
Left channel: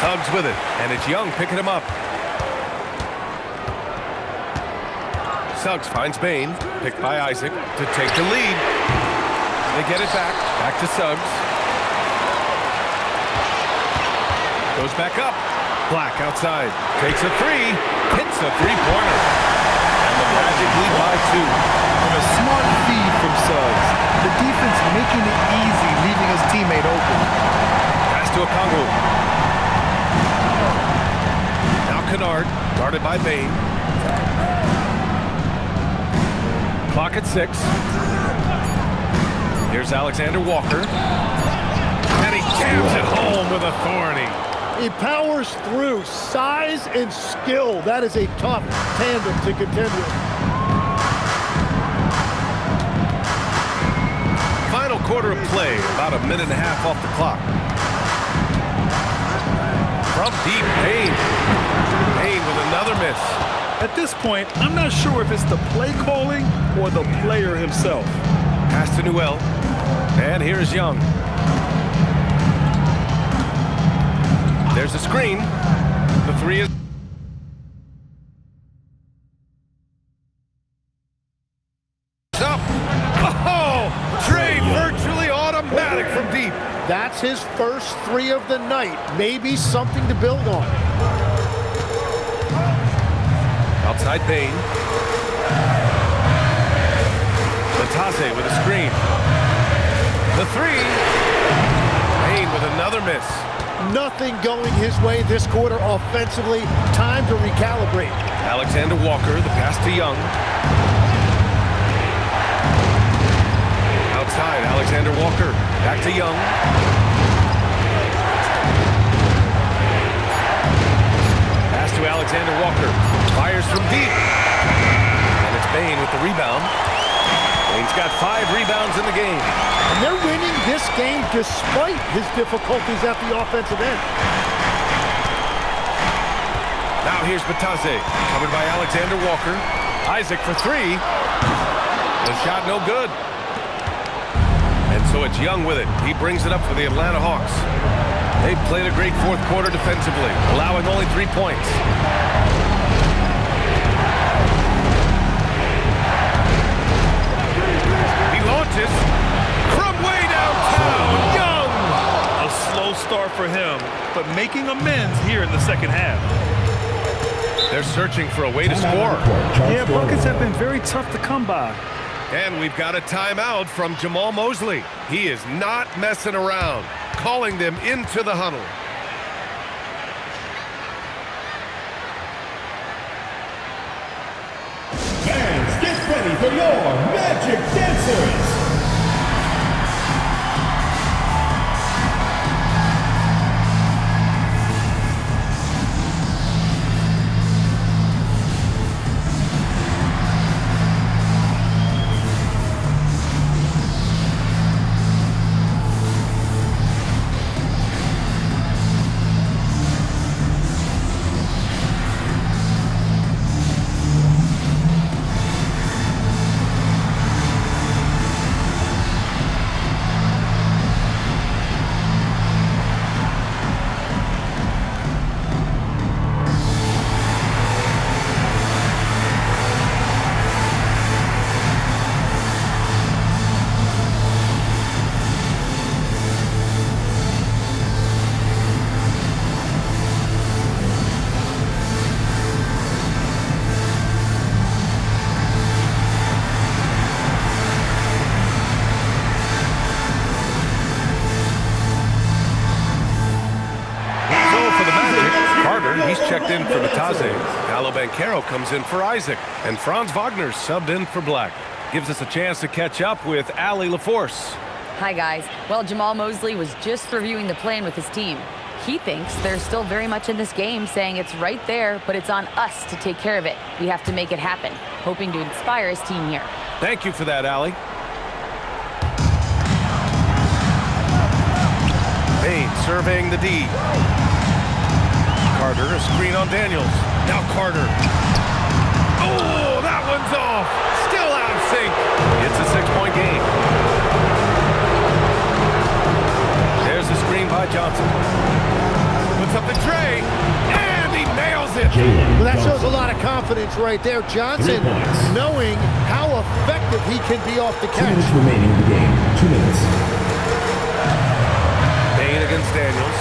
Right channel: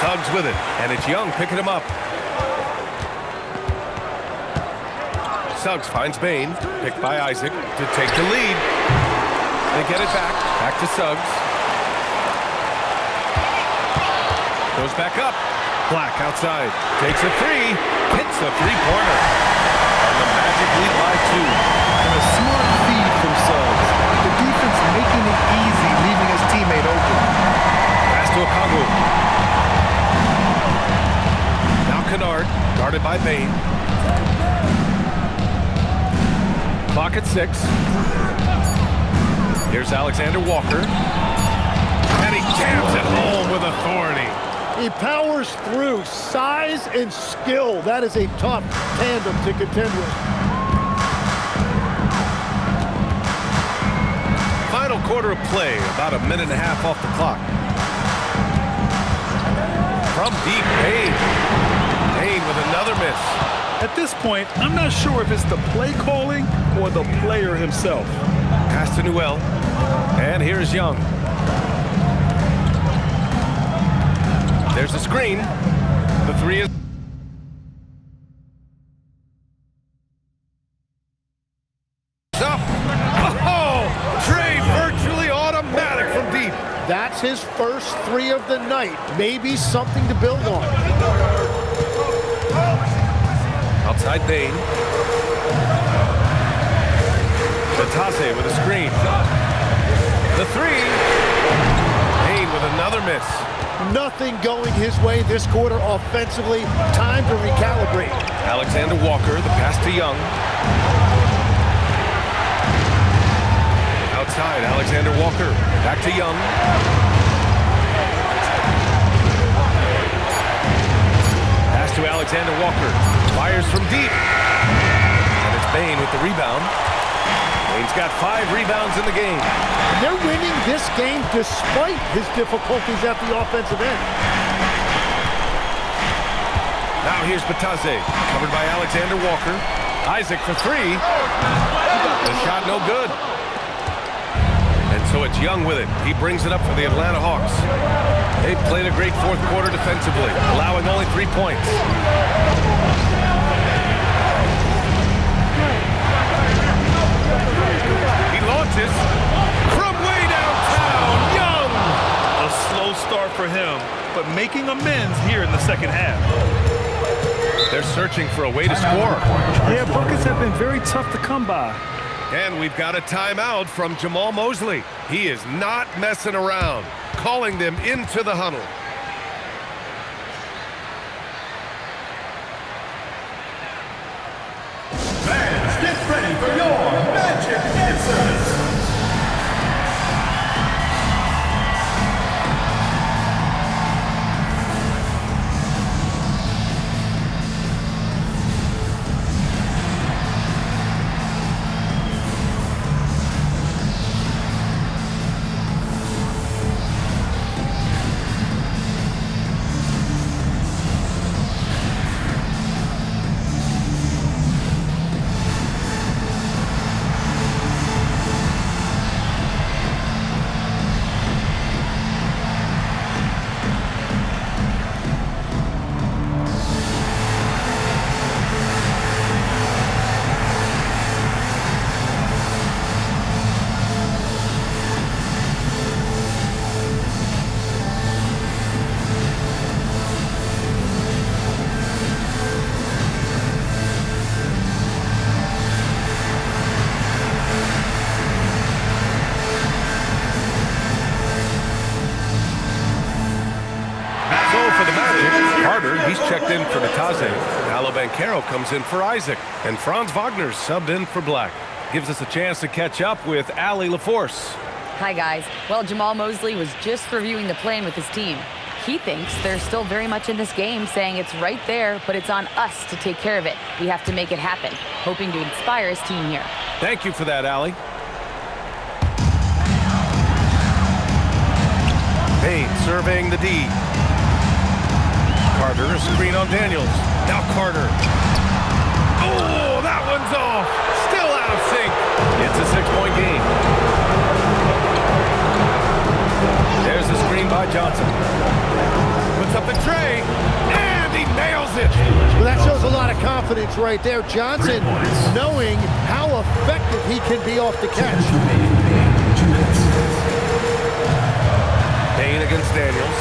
Suggs with it, and it's Young picking him up. Suggs finds Bain, picked by Isaac, to take the lead. They get it back. Back to Suggs. Goes back up. Black outside. Takes a 3. Hits a 3-pointer. And the Magic lead by 2. And a smart feed from Suggs. The defense making it easy, leaving his teammate open. Pass to Okongwu. Now Kennard, guarded by Bain. Clock at 6. Here's Alexander Walker. And he jams it home with authority. He powers through. Size and skill. That is a tough tandem to contend with. Final quarter of play, about a minute and a half off the clock. From deep, Payne. Payne with another miss. At this point, I'm not sure if it's the play calling or the player himself. Pass to Newell. And here's Young. There's a screen. The three is up. Oh, Trey virtually automatic from deep. That's his first three of the night. Maybe something to build on. Outside Bain. Batase with a screen. The three. Bain with another miss. Nothing going his way this quarter offensively. Time to recalibrate. Alexander Walker, the pass to Young. Outside, Alexander Walker. Back to Young. Pass to Alexander Walker. Fires from deep. And it's Bain with the rebound. Bain's got 5 rebounds in the game. And they're winning this game despite his difficulties at the offensive end. Now here's Batase, covered by Alexander Walker. Isaac for 3. The shot no good. And so it's Young with it. He brings it up for the Atlanta Hawks. They played a great fourth quarter defensively, allowing only 3 points. He launches from way downtown. Young! A slow start for him, but making amends here in the second half. They're searching for a way to score. Yeah, buckets have been very tough to come by. And we've got a timeout from Jamal Mosley. He is not messing around, calling them into the huddle. Fans, get ready for your Magic Dancers. For the Magic, Carter, he's checked in for Batase. Pablo Banchero comes in for Isaac. And Franz Wagner's subbed in for Black. Gives us a chance to catch up with Allie LaForce. Hi, guys. Well, Jamal Mosley was just reviewing the plan with his team. He thinks they're still very much in this game, saying it's right there, but it's on us to take care of it. We have to make it happen, hoping to inspire his team here. Thank you for that, Allie. Payne surveying the D. Carter, a screen on Daniels. Now Carter. Oh, that one's off. Still out of sync. It's a 6-point game. There's a screen by Johnson. Puts up the tray, and he nails it. Well, that shows a lot of confidence right there. Johnson knowing how effective he can be off the catch. 2 minutes remaining in the game. 2 minutes. Payne against Daniels.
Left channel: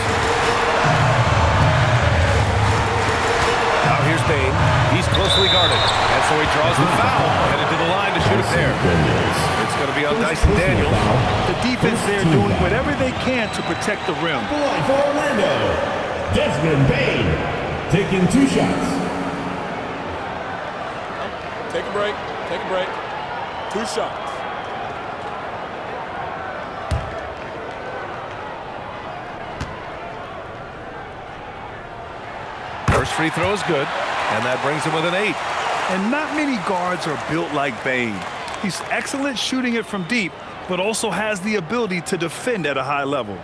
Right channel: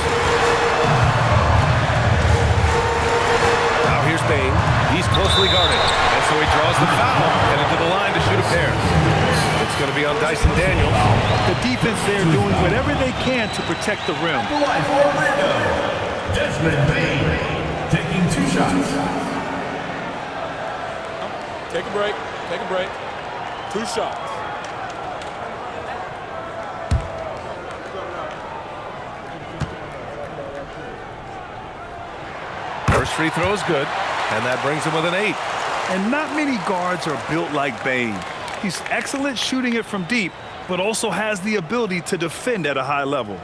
Now here's Payne. He's closely guarded, and so he draws the foul, headed to the line to shoot a pair. It's going to be on Dyson Daniels. The defense there doing whatever they can to protect the rim. The line for Orlando, Desmond Bain, taking 2 shots. Take a break. Take a break. 2 shots. First free throw is good, and that brings him with an 8. And not many guards are built like Bain. He's excellent shooting it from deep, but also has the ability to defend at a high level.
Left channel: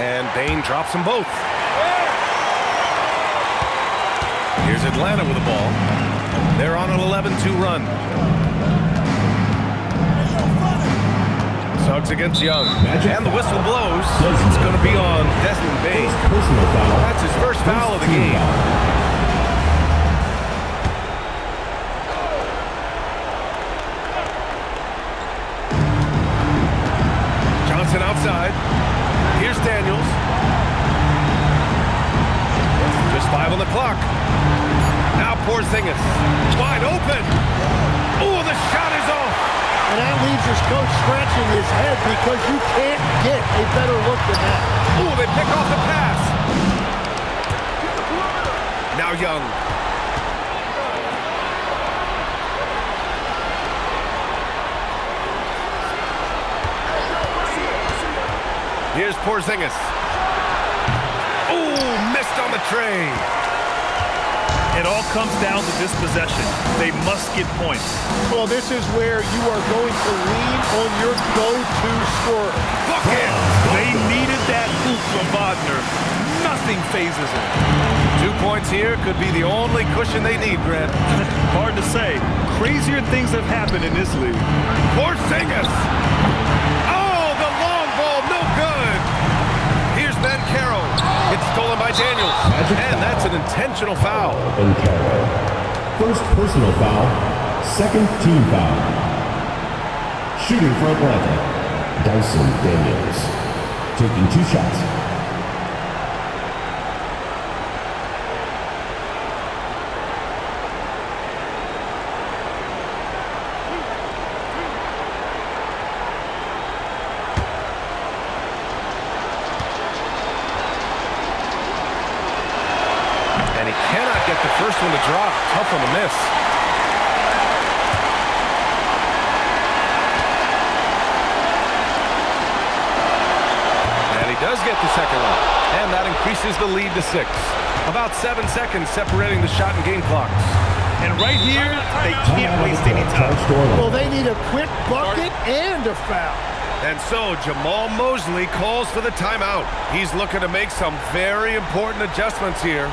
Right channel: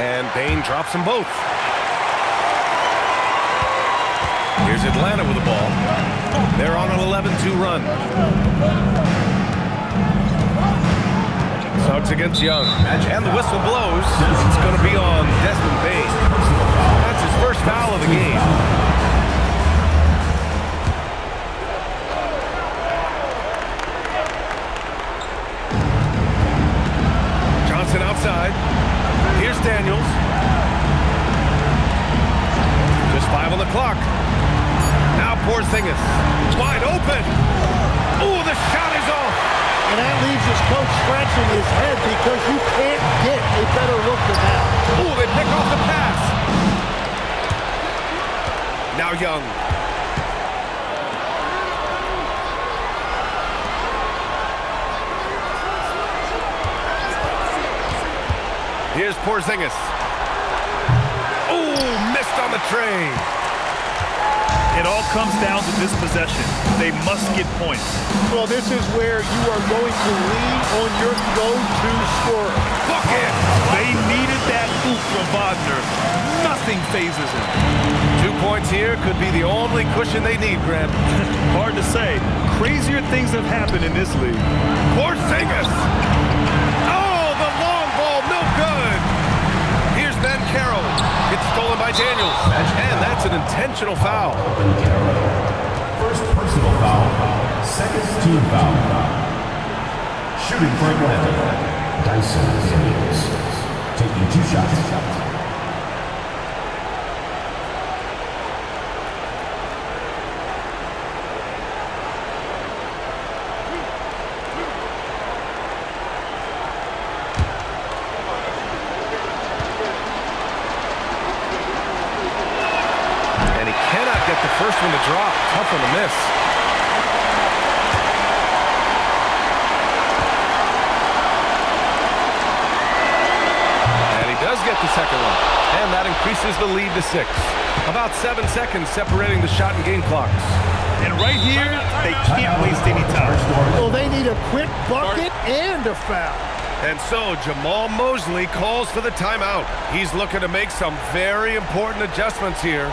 And Bain drops them both. Here's Atlanta with the ball. They're on an 11-2 run. Suggs against Young. And the whistle blows. It's going to be on Desmond Bain. That's his first foul of the game. Johnson outside. Here's Daniels. Just 5 on the clock. Now Porzingis. Wide open. Oh, the shot is off. And that leaves his coach scratching his head because you can't get a better look than that. Oh, they pick off the pass. Now Young. Here's Porzingis. Oh, missed on the tray. It all comes down to this possession. They must get points. Well, this is where you are going to lean on your go-to scorer. Bucket! They needed that hoop from Wagner. Nothing phases him. 2 points here could be the only cushion they need, Grant. Hard to say. Crazier things have happened in this league. Porzingis! Oh, the long ball, no good! Here's banchero. It's stolen by Daniels. And that's an intentional foul. Banchero. First personal foul, second team foul. Shooting for Atlanta, Dyson Daniels. Taking 2 shots. And he cannot get the first one to drop. Tough one to miss. And he does get the second one. And that increases the lead to 6. About 7 seconds separating the shot and game clocks. And right here, they can't waste any time. Well, they need a quick bucket and a foul. And so Jamal Mosley calls for the timeout. He's looking to make some very important adjustments here.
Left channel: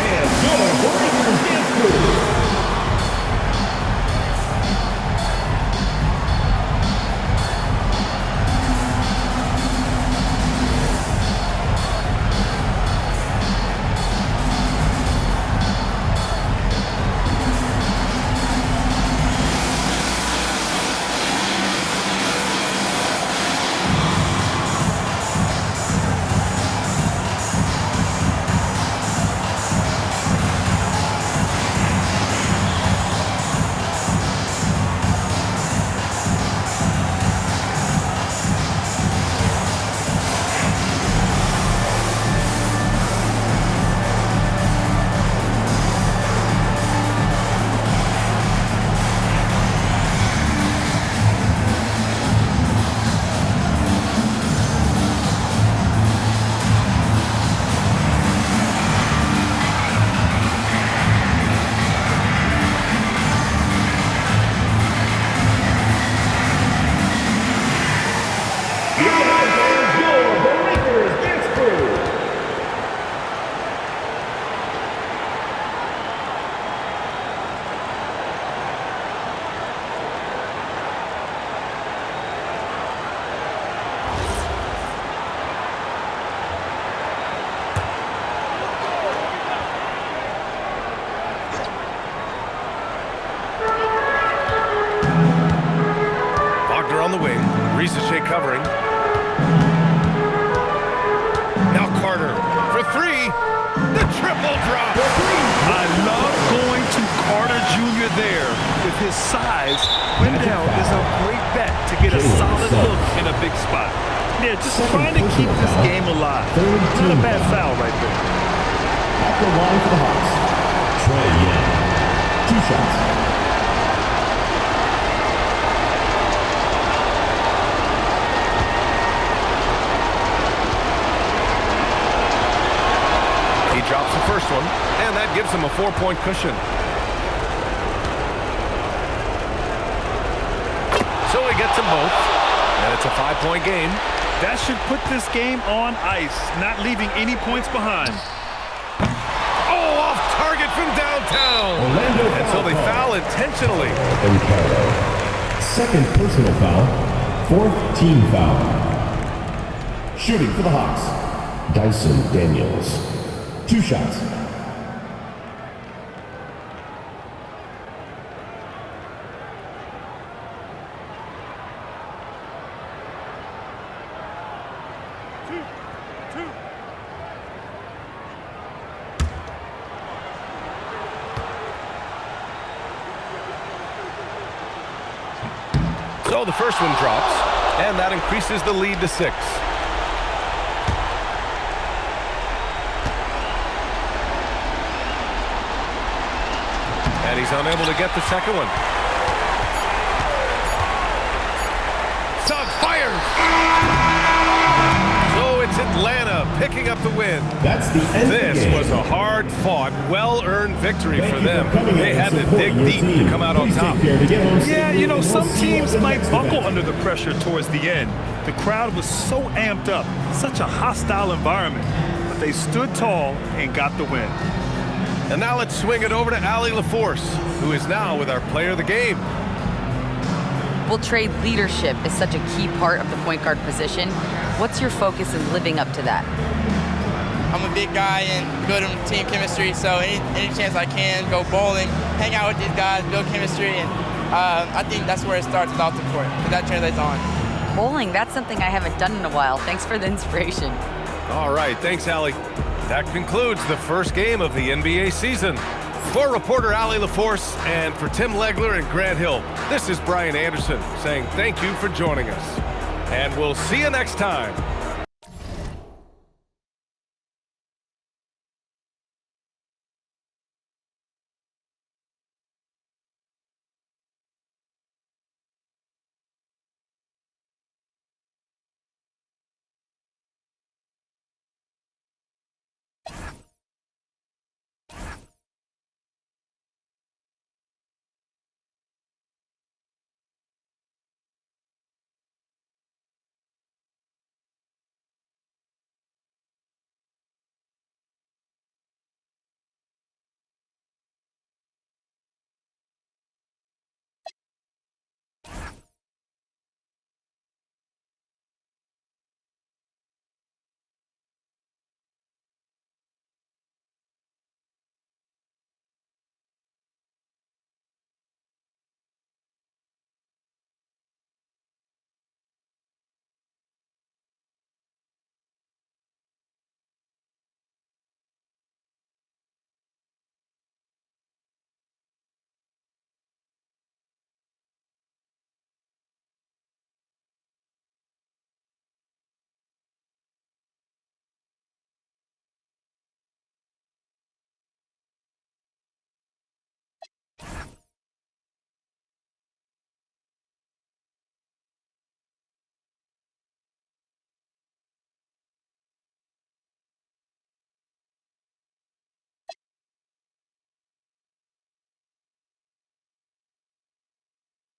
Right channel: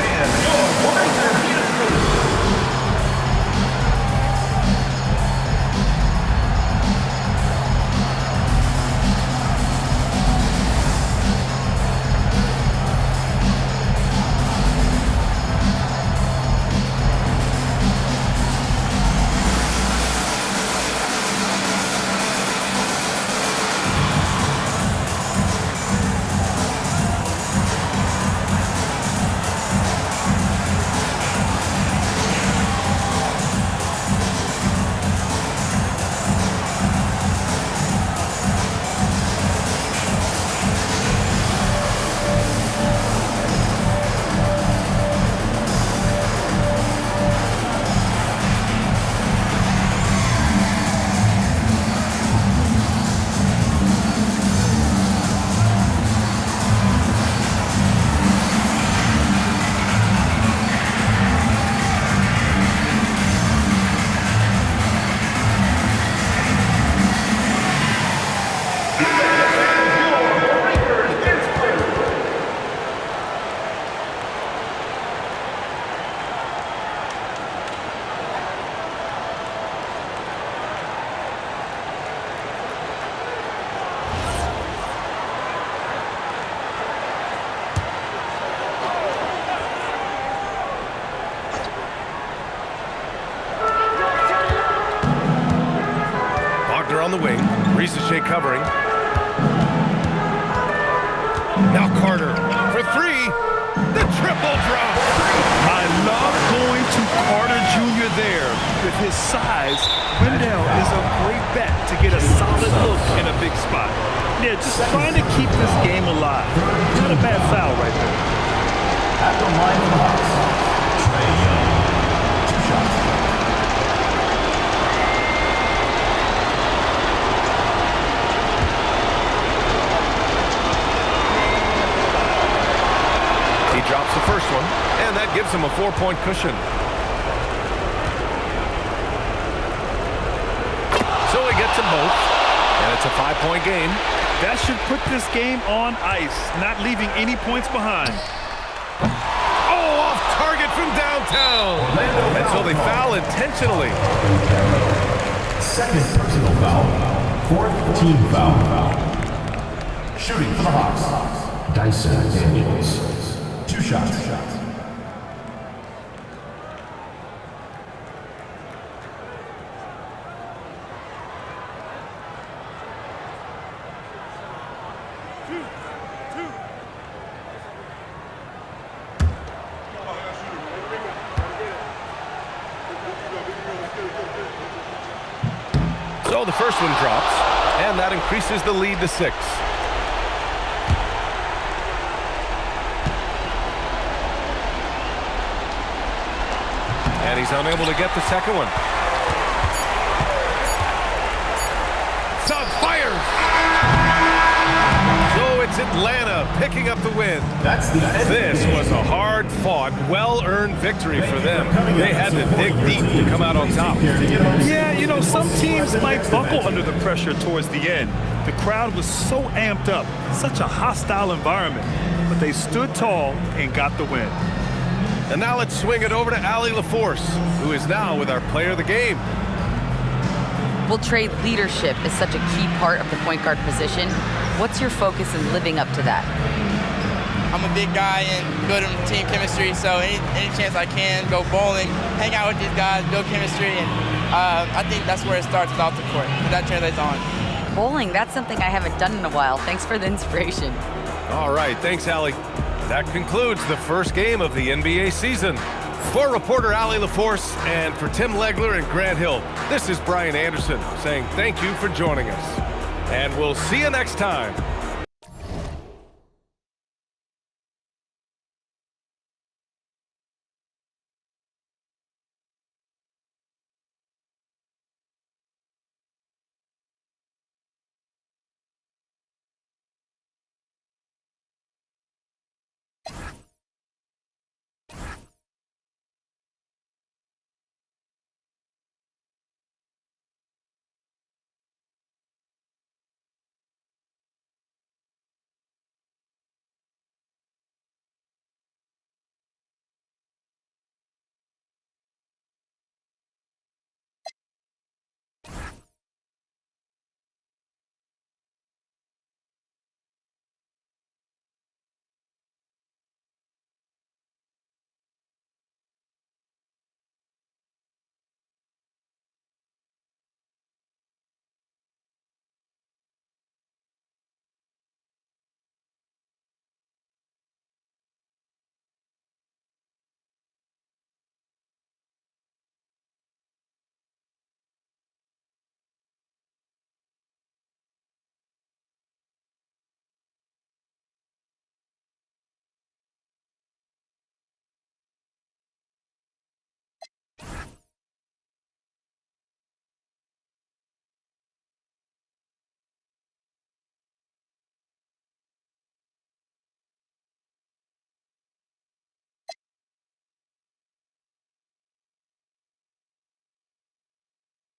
And your Lakers get through. Wagner on the wing. Risache covering. Now Carter for 3. The triple drop. I love going to Carter Jr. there. With his size, Wendell is a great bet to get a solid look in a big spot. Yeah, just trying to keep this game alive. Not a bad foul right there. At the line for the Hawks, Trae Young. 2 shots. He drops the first one, and that gives him a 4-point cushion. So he gets them both, and it's a 5-point game. That should put this game on ice, not leaving any points behind. Oh, off target from downtown. And so they foul intentionally. Banchero. Second personal foul. Fourth team foul. Shooting for the Hawks, Dyson Daniels. 2 shots. So the first one drops, and that increases the lead to 6. And he's unable to get the second one. Suggs fires! So it's Atlanta picking up the win. That's the end This of the game. was a hard-fought, well-earned victory for them. They had to dig deep to come out on top. Yeah, you know, some teams might buckle under the pressure towards the end. The crowd was so amped up, such a hostile environment, but they stood tall and got the win. And now let's swing it over to Allie LaForce, who is now with our player of the game. Well, Trey, leadership is such a key part of the point guard position. What's your focus in living up to that? I'm a big guy and building team chemistry, so any chance I can, go bowling, hang out with these guys, build chemistry, and I think that's where it starts off the court, because that translates on. Bowling, that's something I haven't done in a while. Thanks for the inspiration. All right, thanks, Allie. That concludes the first game of the NBA season. For reporter Allie LaForce and for Tim Legler and Grant Hill, this is Brian Anderson saying thank you for joining us. And we'll see you next time